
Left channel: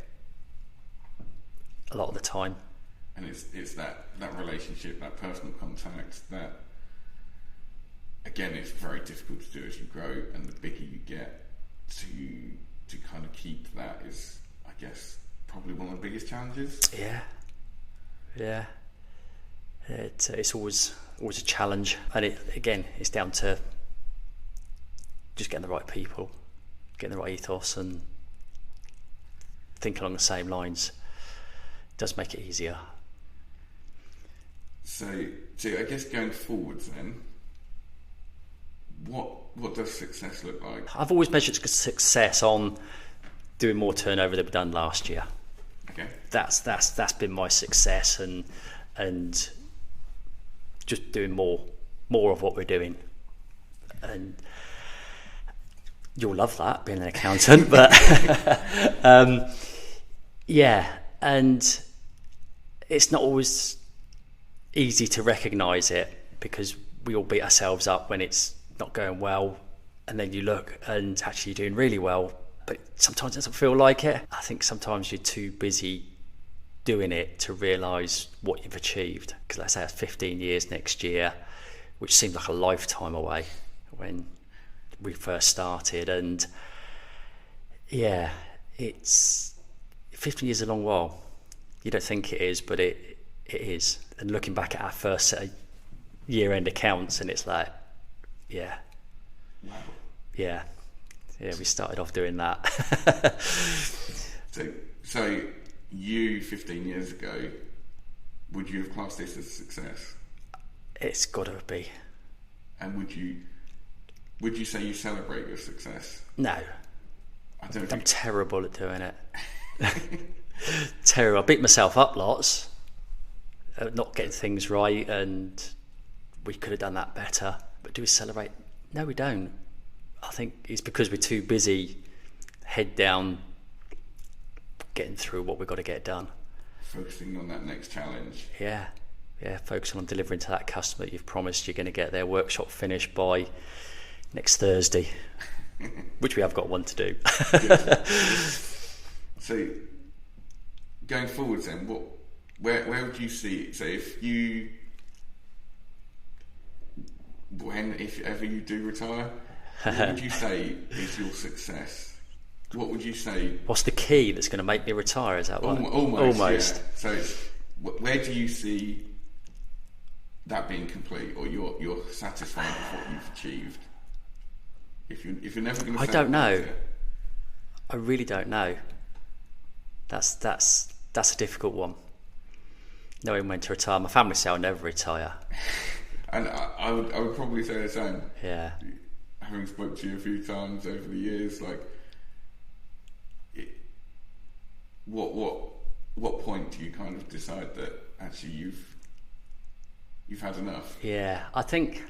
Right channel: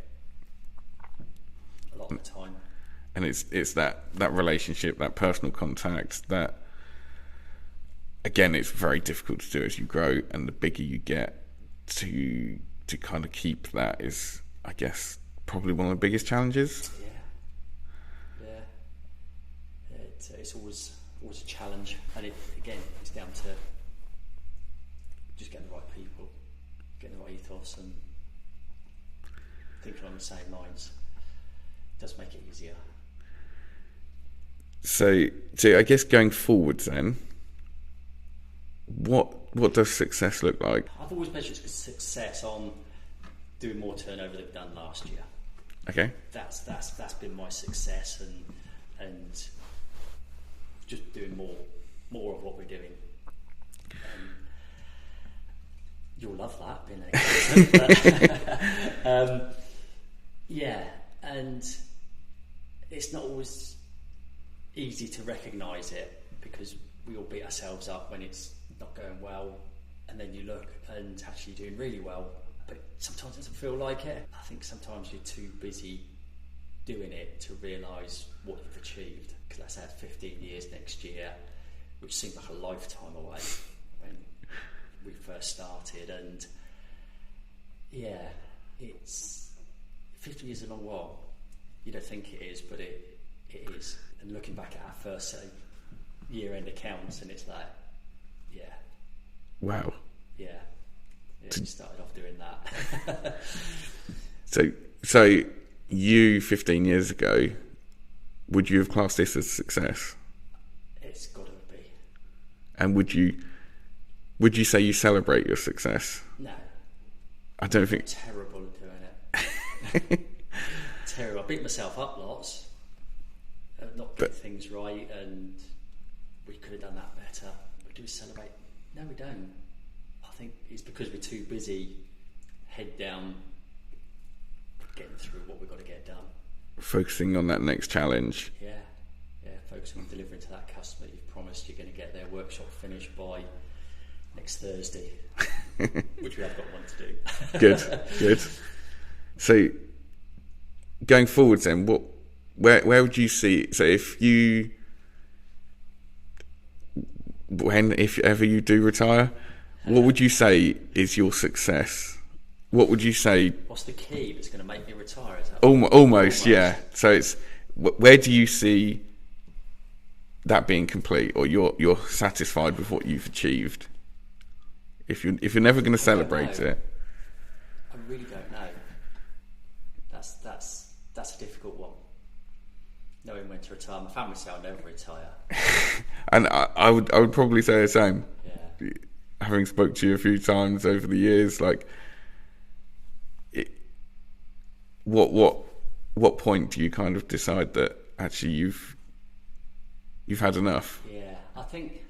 a lot of the time. And it's that relationship, that personal contact, that again, it's very difficult to do as you grow, and the bigger you get, to kind of keep that is, I guess, probably one of the biggest challenges. Yeah. It's always a challenge, and it's down to just getting the right people, getting the right ethos, and thinking along the same lines. It does make it easier. So I guess going forwards then, what does success look like? I've always measured success on doing more turnover than we've done last year. Okay. That's been my success, and just doing more of what we're doing. And you'll love that, being an accountant, but yeah, and it's not always easy to recognise it, because we all beat ourselves up when it's not going well, and then you look and actually you're doing really well, but sometimes it doesn't feel like it. I think sometimes you're too busy doing it to realise what you've achieved, because let's say it's 15 years next year, which seemed like a lifetime away when we first started. And yeah, it's 15 years is a long while. You don't think it is, but it is. And looking back at our first set of year-end accounts, and it's like, yeah, wow, yeah, we started off doing that. So you 15 years ago, would you have classed this as success? It's got to be. And would you say you celebrate your success? No, I don't think. I'm terrible at doing it. Terrible. I beat myself up lots at not getting things right, and we could have done that better. But do we celebrate? No, we don't. I think it's because we're too busy, head down, getting through what we've got to get done. Focusing on that next challenge. Yeah, focusing on delivering to that customer that you've promised you're going to get their workshop finished by next Thursday, which we have got one to do. Good. So going forwards then, where would you see, so if ever you do retire, what would you say is your success? What would you say? What's the key that's going to make me retire? Is that almost, yeah. So it's, where do you see that being complete, or you're satisfied with what you've achieved? If you're never going to celebrate it, I really don't know. That's a difficult one. Knowing when to retire. My family say I'll never retire. And I would probably say the same. Yeah. Having spoke to you a few times over the years, like, what point do you kind of decide that actually you've had enough? Yeah, I think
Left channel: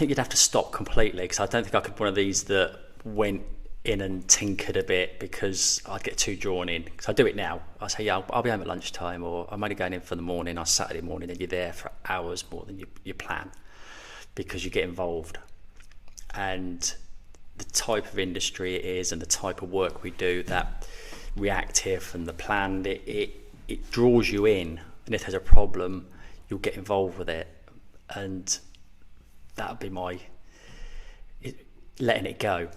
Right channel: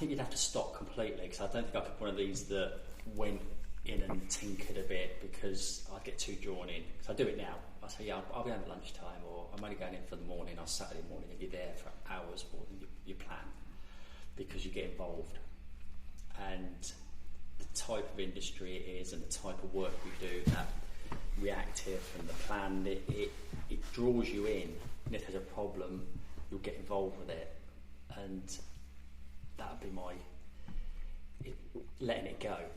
you'd have to stop completely, because I don't think I could be one of these that went in and tinkered a bit, because I'd get too drawn in. Because I do it now. I say, yeah, I'll be home at lunchtime, or I'm only going in for the morning on Saturday morning, and you're there for hours more than you plan. because you get involved, and the type of industry it is and the type of work we do, that reactive and the planned, it draws you in, and if there's a problem you'll get involved with it, and that would be letting it go,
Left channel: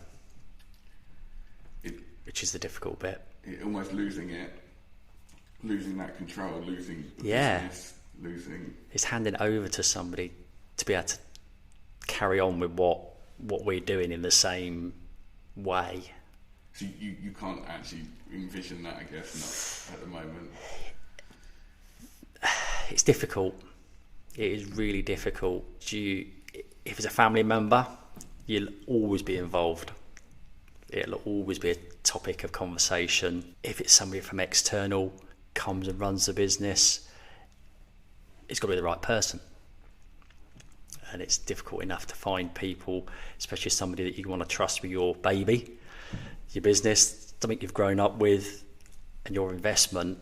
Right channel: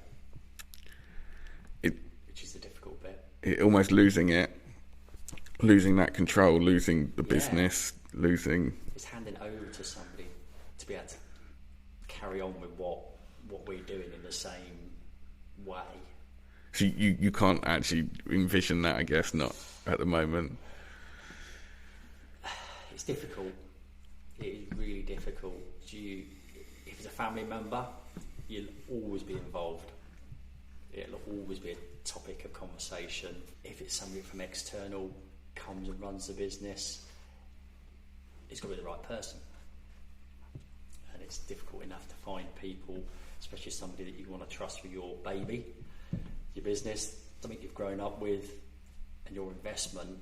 which is the difficult bit. Almost losing that control, losing the business, it's handing over to somebody to be able to carry on with what we're doing in the same way. So you can't actually envision that, I guess, not at the moment. It's difficult. It is really difficult. If it's a family member, you'll always be involved. It'll always be a topic of conversation. If it's somebody from external comes and runs the business, it's got to be the right person. And it's difficult enough to find people, especially somebody that you want to trust with your baby, your business, something you've grown up with, and your investment,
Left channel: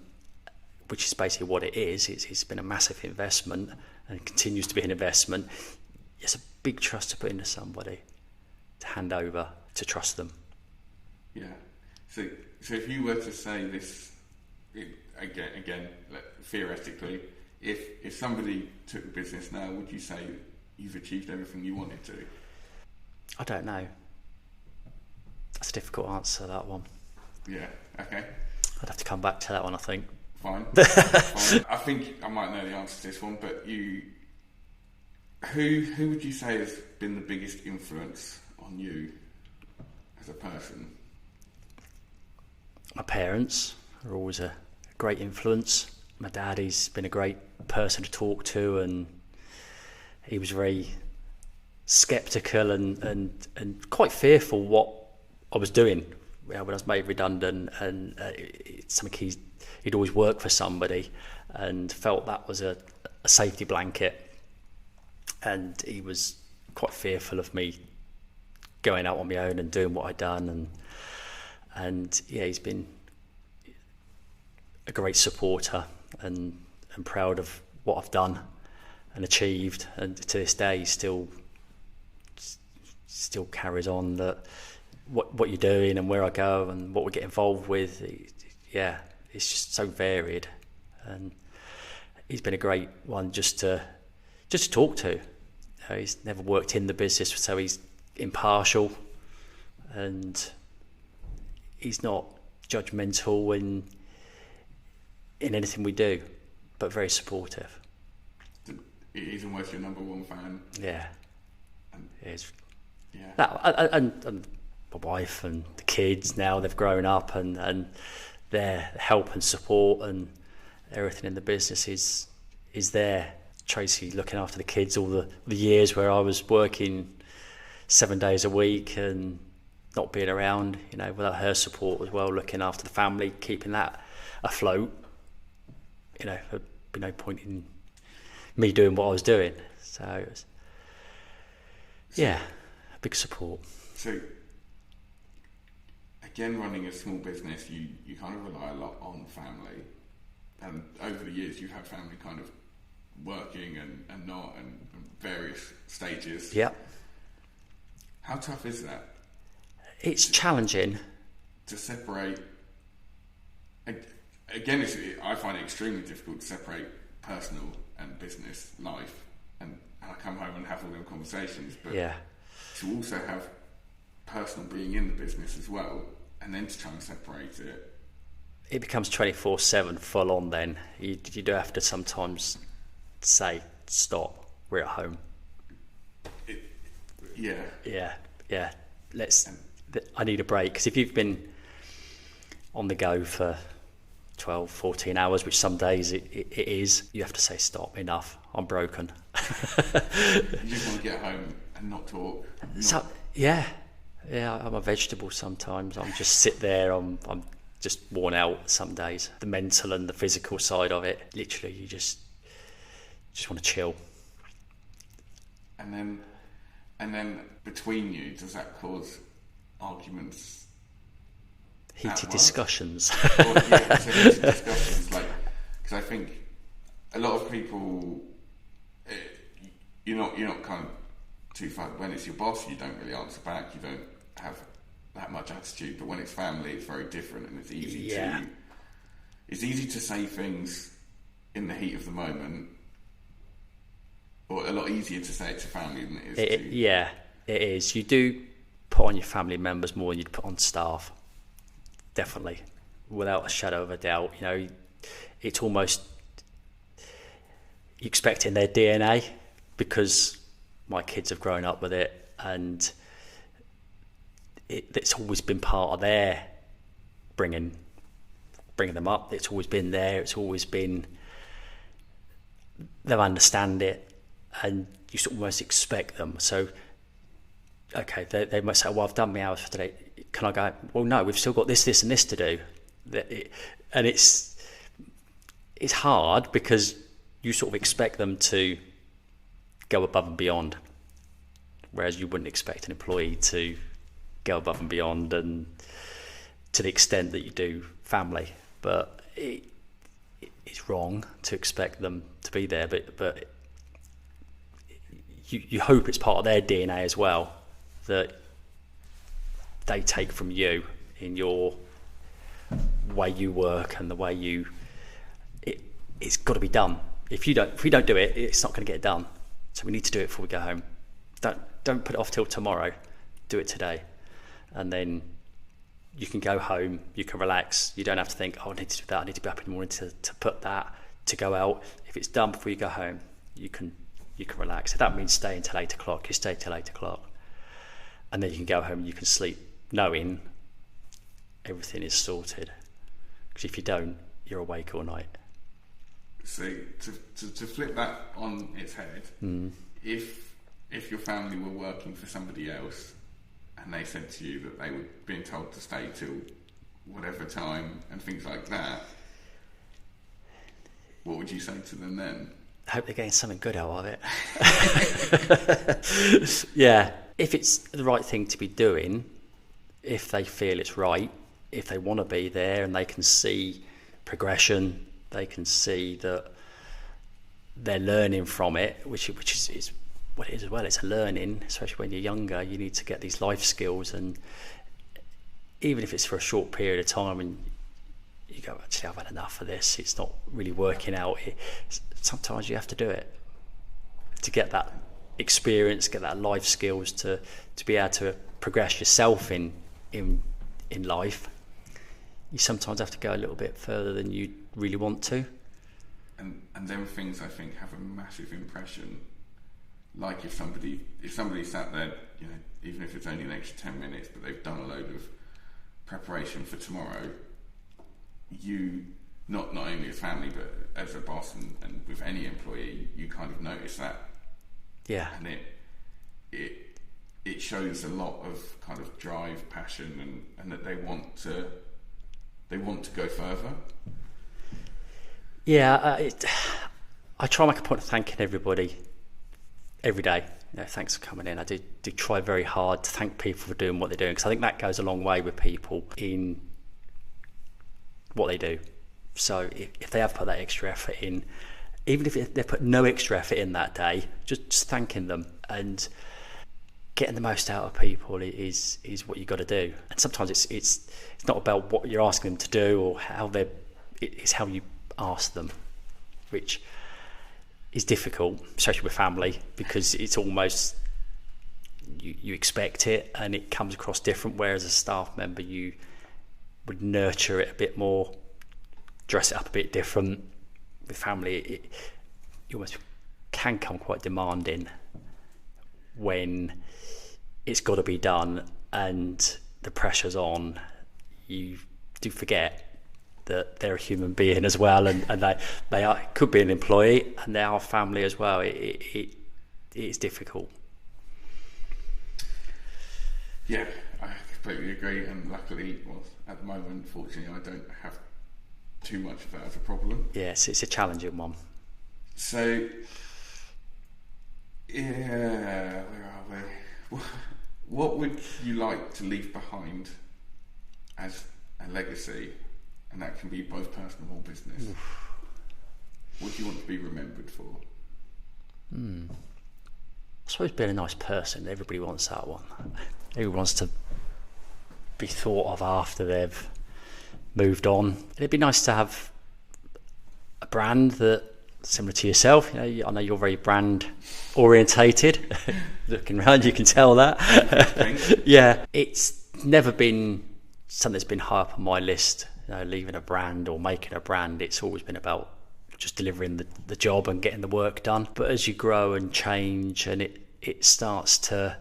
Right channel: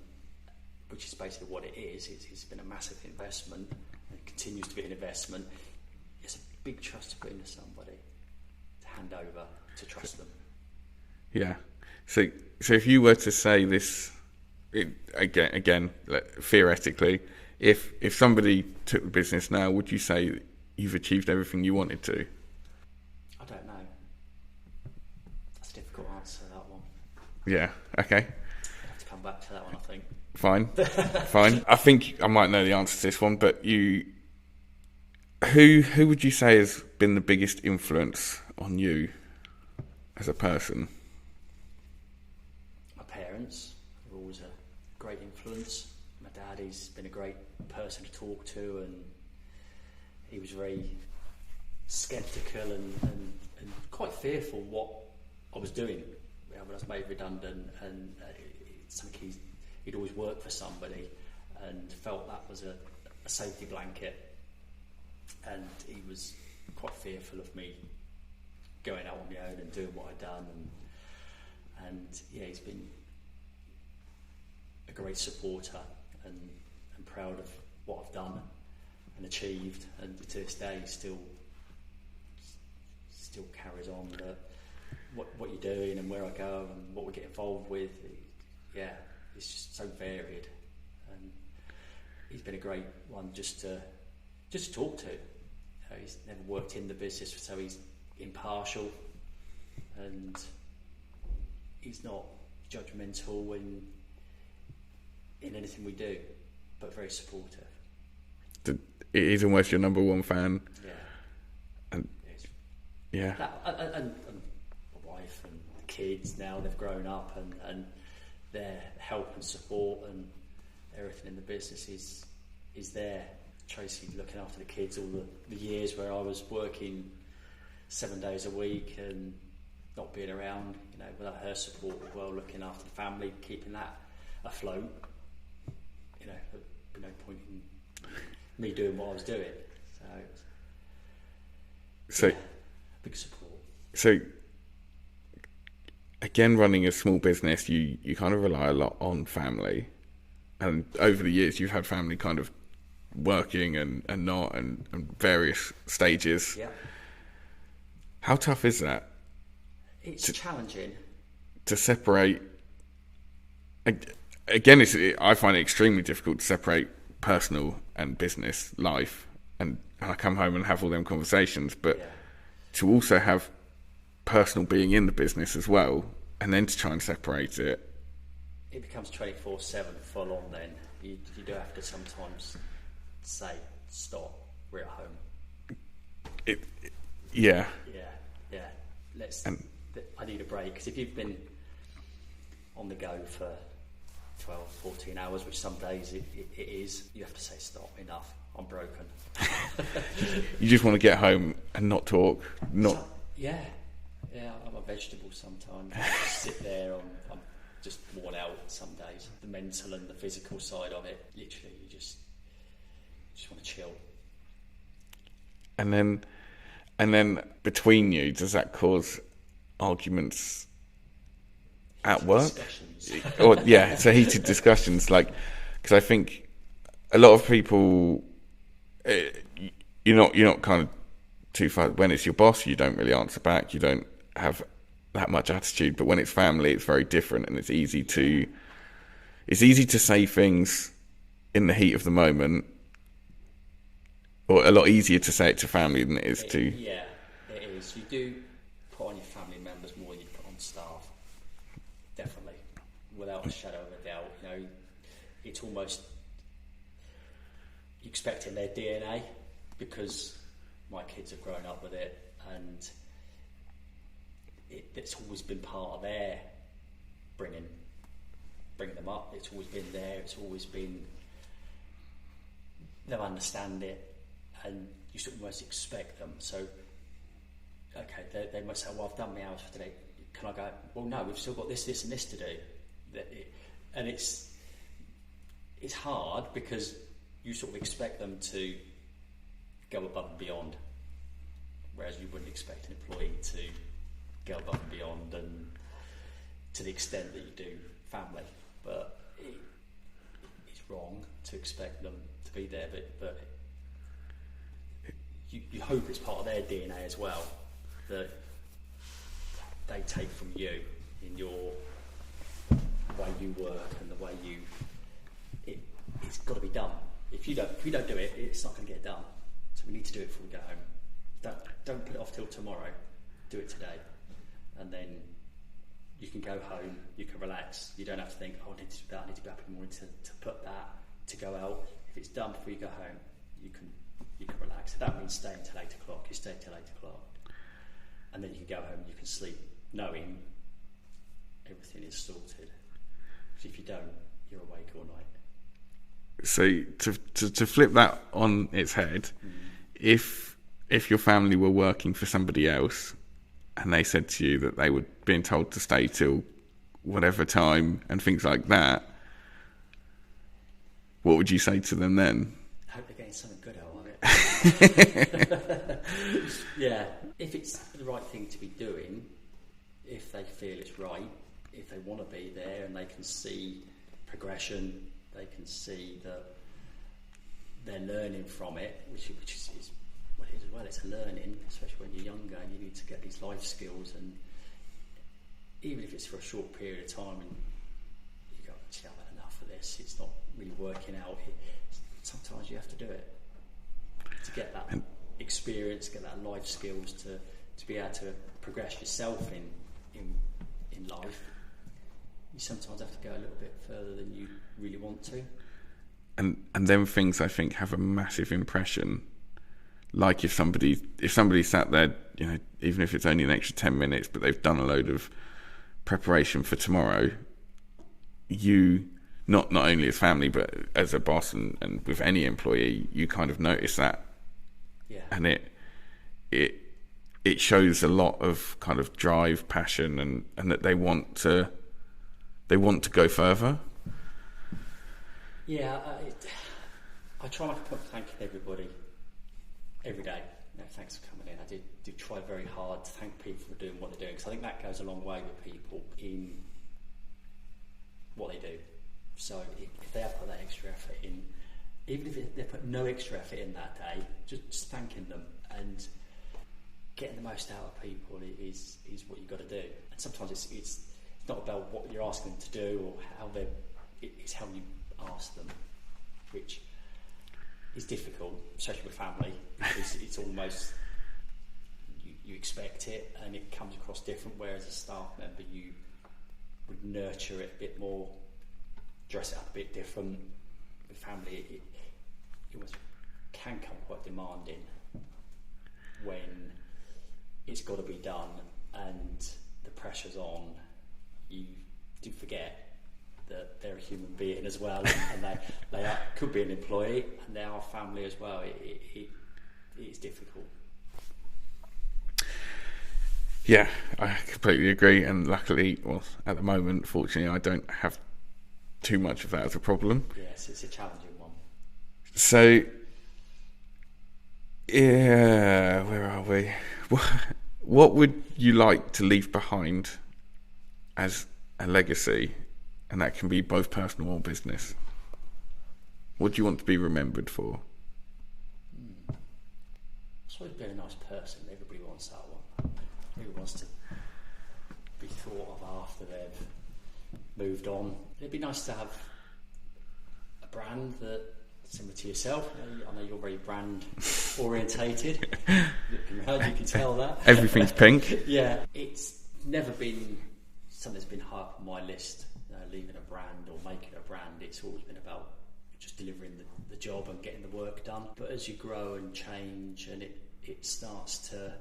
which is basically what it is. It's been a massive investment and continues to be an investment. It's a big trust to put into somebody, to hand over, to trust them. Yeah. So if you were to say this, again, theoretically, if somebody took the business now, would you say you've achieved everything you wanted to? I don't know. That's a difficult answer, that one. Yeah. Okay. I'd have to come back to that one, I think. Fine. I think I might know the answer to this one, but who would you say has been the biggest influence on you as a person? My parents are always a great influence. My dad, he's been a great person to talk to, and he was very sceptical and quite fearful what I was doing when I was made redundant, and it's something he'd always worked for somebody and felt that was a safety blanket, and he was quite fearful of me going out on my own and doing what I'd done, and yeah, he's been a great supporter and proud of what I've done and achieved, and to this day he still carries on that what you're doing and where I go and what we get involved with. Yeah, it's just so varied, and he's been a great one just to talk to. He's never worked in the business, so he's impartial, and he's not judgmental in anything we do, but very supportive. He's almost your number one fan. Yeah. And yeah. And my wife and the kids, now they've grown up, and their help and support and everything in the business is there. Tracy looking after the kids all the years where I was working 7 days a week and not being around, without her support as well, looking after the family, keeping that afloat, there'd be no point in me doing what I was doing. So yeah, big support. So again, running a small business, you kind of rely a lot on family, and over the years you've had family kind of working and not, and various stages. Yeah. How tough is that? It's challenging to separate. Again, I find it extremely difficult to separate personal and business life, and I come home and have all them conversations, but to also have personal being in the business as well, and then to try and separate it becomes 24/7 full on. Then you do have to sometimes say stop, we're at home. Yeah. I need a break, because if you've been on the go for 12, 14 hours, which some days it is, you have to say stop, enough, I'm broken. You just want to get home and not talk. Yeah, I'm a vegetable sometimes. I'm just sit there, I'm just worn out some days. The mental and the physical side of it, literally, you just want to chill. And then between you, does that cause arguments? Heated discussions. Heated discussions. Because I think a lot of people, you're not kind of too far. When it's your boss, you don't really answer back. You don't have that much attitude. But when it's family, it's very different, and it's easy to say things in the heat of the moment, or a lot easier to say it to family than it is to. Yeah, it is. You do put on your family members more than you'd put on staff. Definitely, without a shadow of a doubt. You know, it's almost you expect in their DNA, because my kids have grown up with it, and it's always been part of their bringing them up. It's always been there. It's always been, they understand it, and you sort of almost expect them. So, okay, they might say, well, I've done my hours for today. Can I go? Well, no, we've still got this, and this to do. And it's hard, because you sort of expect them to go above and beyond, whereas you wouldn't expect an employee to go above and beyond, and to the extent that you do family. But it's wrong to expect them to be there, but you hope it's part of their DNA as well, that they take from you in your way you work and the way it's got to be done. If we don't do it, it's not going to get done. So we need to do it before we go home. Don't put it off till tomorrow. Do it today, and then you can go home. You can relax. You don't have to think, oh, I need to do that. I need to be up in the morning to put that, to go out. If it's done before you go home, you can relax. If that means staying till 8 o'clock, you stay till 8 o'clock, and then you can go home and you can sleep knowing everything is sorted. Because if you don't, you're awake all night. So to flip that on its head, if your family were working for somebody else and they said to you that they were being told to stay till whatever time and things like that, what would you say to them then? I hope they're getting something good out of it. Yeah, if it's the right thing to be doing, if they feel it's right, if they want to be there and they can see progression, they can see that they're learning from it, which is what it is as well. It's a learning, especially when you're younger. You need to get these life skills, and even if it's for a short period of time, and you go, actually, I've had enough of this. It's not really working out. Sometimes you have to do it to get that experience, get that life skills to be able to progress yourself in life. You sometimes have to go a little bit further than you really want to. And then things, I think, have a massive impression. Like if somebody sat there, you know, even if it's only an extra 10 minutes, but they've done a load of preparation for tomorrow, you, not only as family, but as a boss and with any employee, you kind of notice that. Yeah. And it shows a lot of kind of drive, passion, and that they want to go further. Yeah, I try to make a point of thanking everybody every day. You know, thanks for coming in. I do try very hard to thank people for doing what they're doing, because I think that goes a long way with people in what they do. So if they have put that extra effort in, even if they put no extra effort in that day, just thanking them and getting the most out of people is what you got to do. And sometimes it's not about what you're asking them to do or it's how you ask them, which is difficult, especially with family, because it's almost you expect it and it comes across different, whereas as a staff member you would nurture it a bit more, dress it up a bit different. With family, you almost can come quite demanding when it's got to be done and the pressure's on. You do forget that they're a human being as well, and they could be an employee and they are family as well. It is difficult. Yeah, I completely agree, and luckily, well, at the moment, fortunately, I don't have too much of that as a problem. Yes, it's a challenging one. So, yeah, where are we? What would you like to leave behind as a legacy? And that can be both personal or business. What do you want to be remembered for? suppose being a nice person, everybody wants that one. Everybody wants to be thought of after they've moved on. It'd be nice to have a brand that similar to yourself. I know you're very brand orientated. Looking around, you can tell that Everything's pink. Yeah, it's never been something that's been high up on my list. Leaving a brand or making a brand, it's always been about just delivering the job and getting the work done. But as you grow and change, and it starts to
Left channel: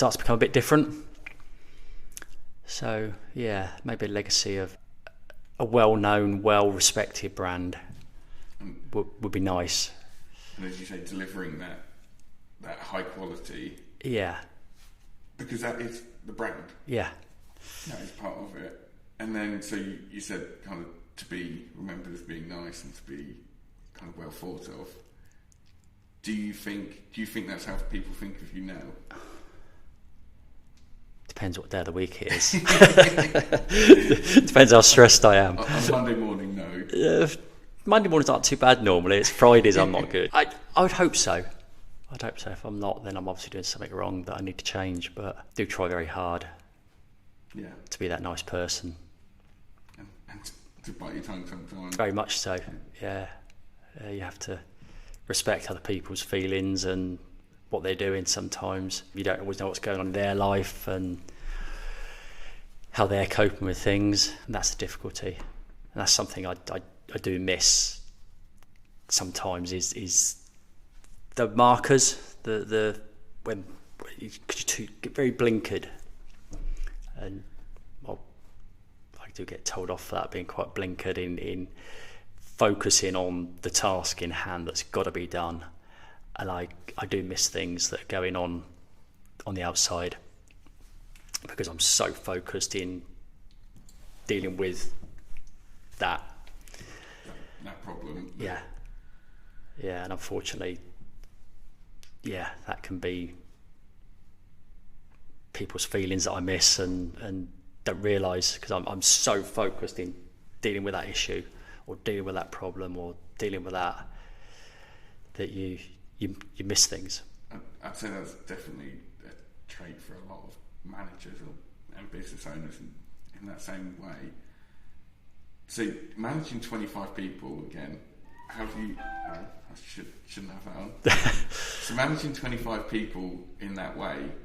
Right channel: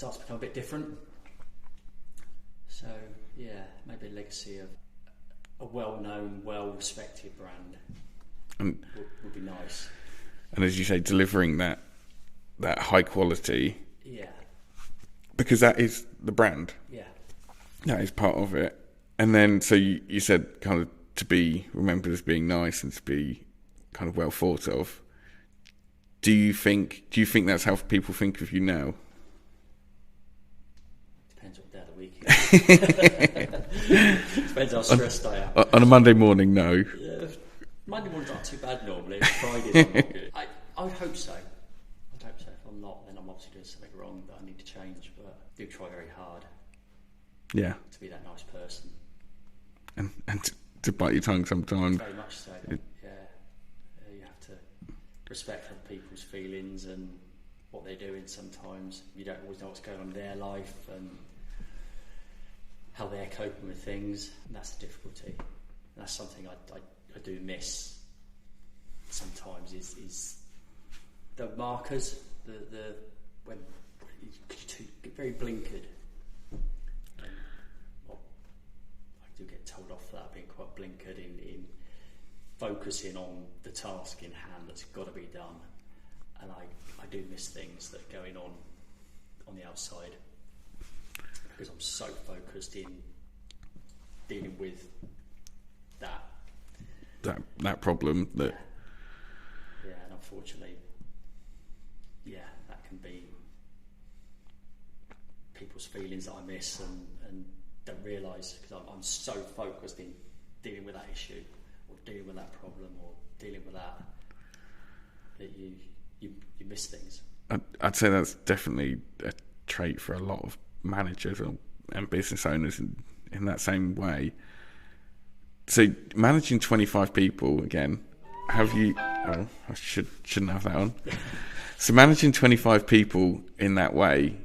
become a bit different. So yeah, maybe a legacy of a well-known, well-respected brand would be nice. And as you say, delivering that high quality. Yeah. Because that is the brand. Yeah. That is part of it. And then, so you said kind of to be remembered as being nice and to be kind of well thought of. Do you think that's how people think of you now? Depends what day of the week it is. Depends how stressed I am. On a Monday morning, no. Monday mornings aren't too bad normally. It's Fridays I'm not good. I would hope so. I'd hope so. If I'm not, then I'm obviously doing something wrong that I need to change. But I do try very hard. Yeah. To be that nice person. And to bite your tongue sometimes. Very much so. Yeah. You have to respect other people's feelings and what they're doing sometimes. You don't always know what's going on in their life and how they're coping with things. And that's the difficulty. And that's something I do miss sometimes is the markers, the when you get very blinkered. And well, I do get told off for that, being quite blinkered in focusing on the task in hand that's got to be done. And I do miss things that are going on the outside because I'm so focused in dealing with that problem. Yeah, and unfortunately, that can be people's feelings that I miss and don't realise because I'm so focused in dealing with that issue or dealing with that problem or dealing with that you miss things. I'd say that's definitely a trait for a lot of managers and business owners in that same way. So managing 25 people again, have you? Oh, I shouldn't have that on. So managing 25 people in that way,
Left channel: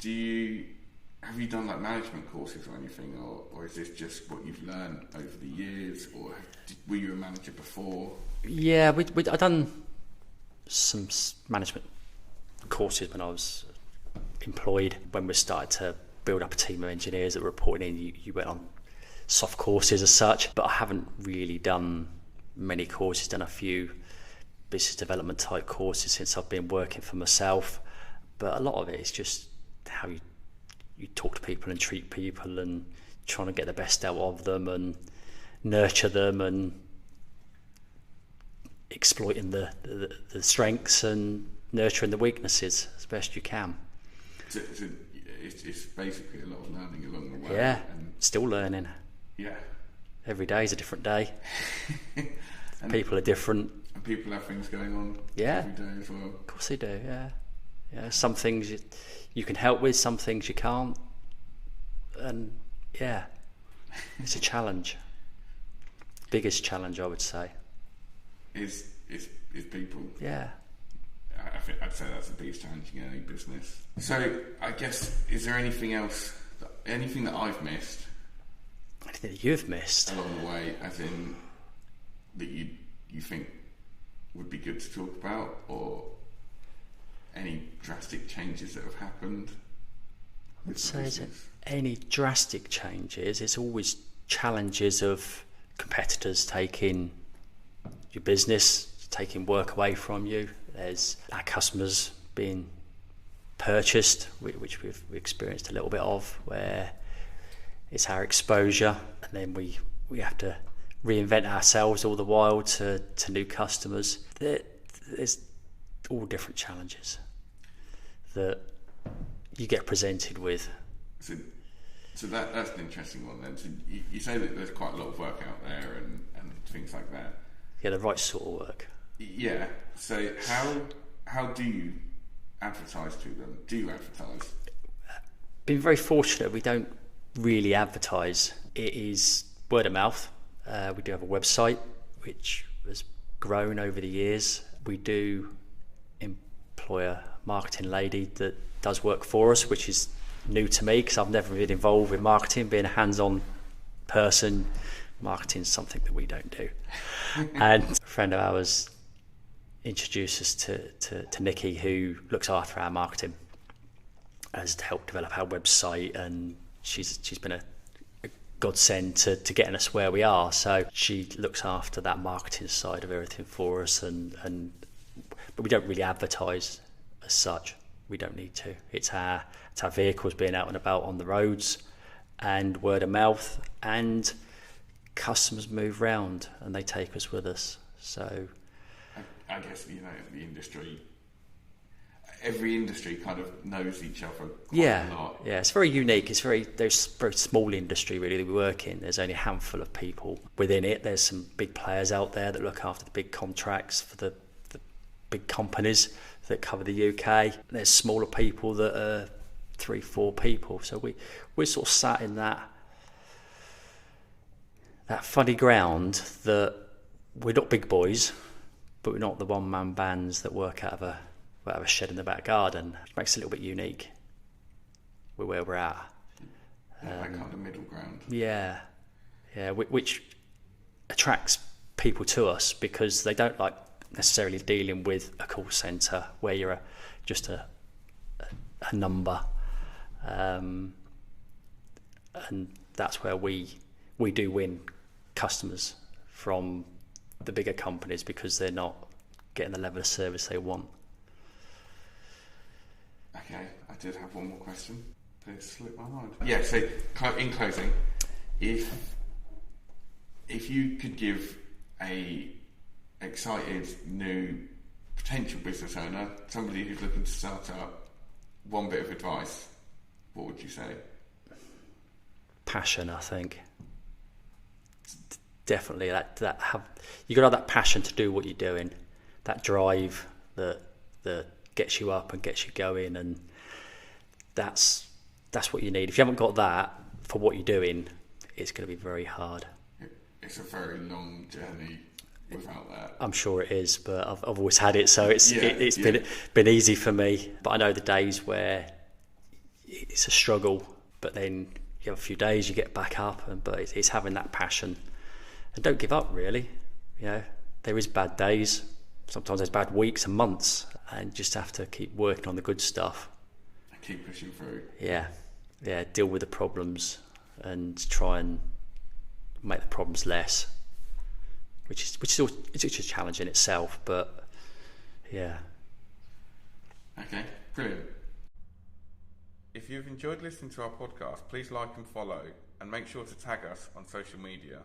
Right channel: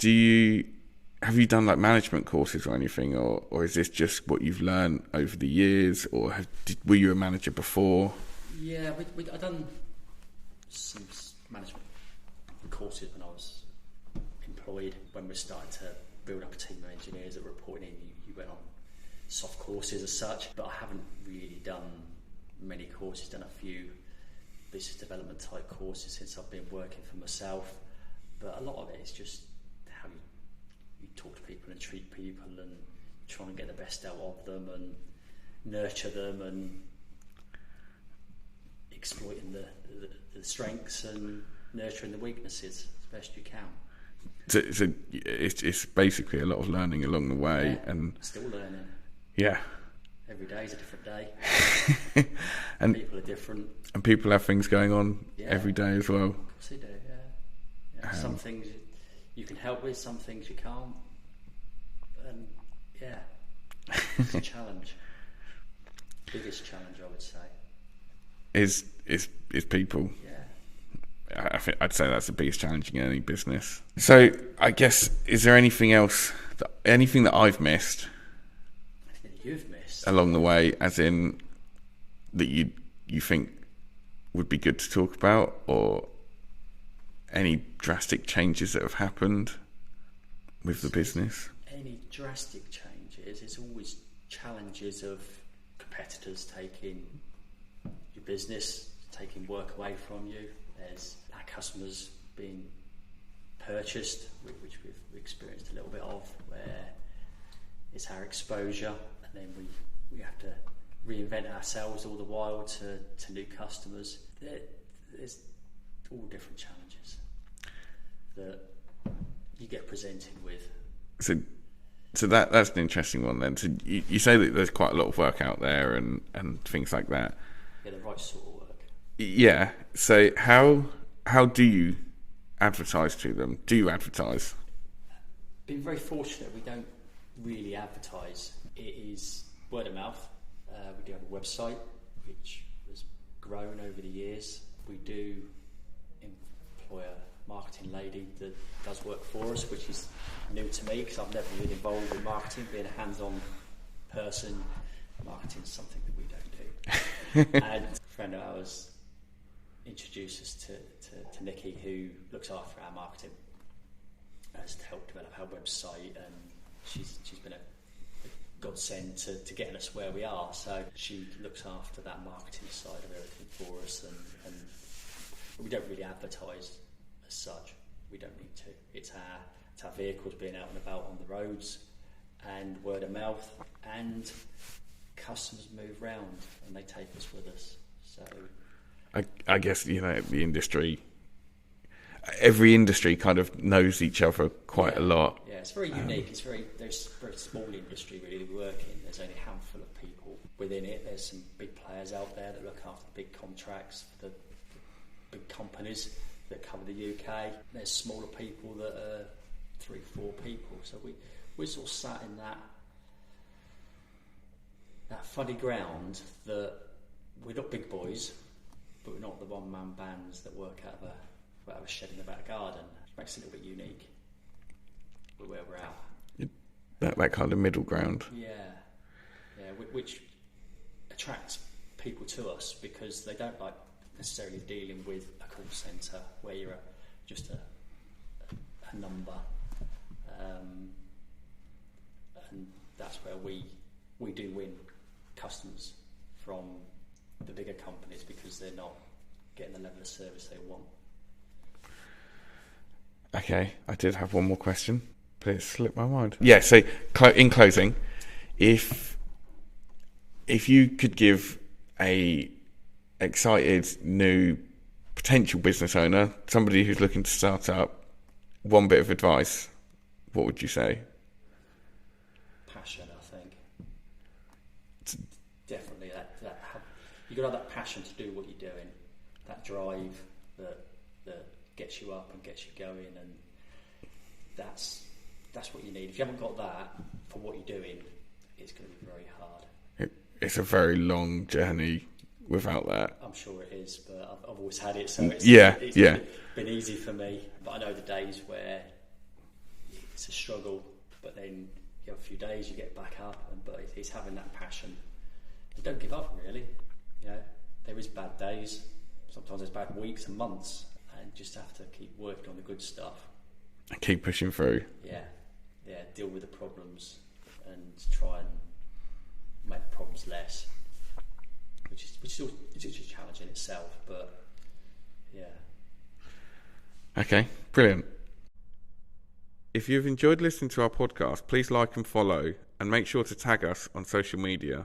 have you done like management courses or anything, or is this just what you've learned over the years, or were you a manager before? Yeah, I've done some management courses when I was employed. When we started to build up a team of engineers that were reporting in, you went on soft courses as such, but I haven't really done many courses, done a few business development type courses since I've been working for myself, but a lot of it is just how you talk to people and treat people and trying to get the best out of them and nurture them and exploiting the strengths and nurturing the weaknesses as best you can. So it's basically a lot of learning along the way. Yeah, and still learning. Yeah. Every day is a different day. And people are different. And people have things going on every day as well. Of course they do, yeah. Some things you can help with, some things you can't. And yeah, it's a challenge. Biggest challenge, I would say. Is people. Yeah. I'd say that's the biggest challenge in any business. So I guess, is there anything else, anything that I've missed? Anything that you've missed? Along the way, as in that you think would be good to talk about, or any drastic changes that have happened with the business? Any drastic changes, it's always challenges of competitors taking your business, taking work away from you. There's our customers being purchased, which we've experienced a little bit of, where it's our exposure, and then we have to reinvent ourselves all the while to new customers. There's all different challenges that you get presented with. So that's an interesting one then. So you say that there's quite a lot of work out there and things like that. Yeah, the right sort of work. Yeah. So how do you advertise to them? Do you advertise? Been very fortunate. We don't really advertise. It is word of mouth. We do have a website which has grown over the years. We do employ a marketing lady that does work for us, which is new to me because I've never been involved with marketing. Being a hands-on person, marketing is something that we don't do. And a friend of ours introduced us to Nikki, who looks after our marketing, has helped develop our website, and she's been a godsend to getting us where we are. So she looks after that marketing side of everything for us, but we don't really advertise as such. We don't need to. It's our vehicles being out and about on the roads, and word of mouth, and customers move round and they take us with us. So I guess the industry, every industry kind of knows each other quite a lot. Yeah, it's very unique. There's a very small industry really that we work in. There's only a handful of people within it. There's some big players out there that look after the big contracts for the big companies that cover the UK. There's smaller people that are 3-4 people. So we're sort of sat in that funny ground that we're not big boys, but we're not the one-man bands that work out of a shed in the back garden. It makes it a little bit unique with where we're at. That kind of middle ground. Yeah, which attracts people to us because they don't like necessarily dealing with a call centre where you're just a number, and that's where we do win customers from the bigger companies because they're not getting the level of service they want. Okay, I did have one more question, but it slipped my mind. Yeah, so in closing, if you could give a excited new potential business owner, somebody who's looking to start up, one bit of advice, what would you say? Passion, I think. Definitely you got to have that passion to do what you're doing, that drive that gets you up and gets you going, and that's what you need. If you haven't got that for what you're doing, it's going to be very hard. It's a very long journey without that. I'm sure it is, but I've always had it, so it's been easy for me. But I know the days where it's a struggle, but then you have a few days, you get back up, but it's having that passion. And don't give up, really. There is bad days. Sometimes there's bad weeks and months, and just have to keep working on the good stuff. And keep pushing through. Yeah. Deal with the problems and try and make the problems less, which is it's a challenge in itself. But yeah. Okay, brilliant. If you've enjoyed listening to our podcast, please like and follow, and make sure to tag us on social media.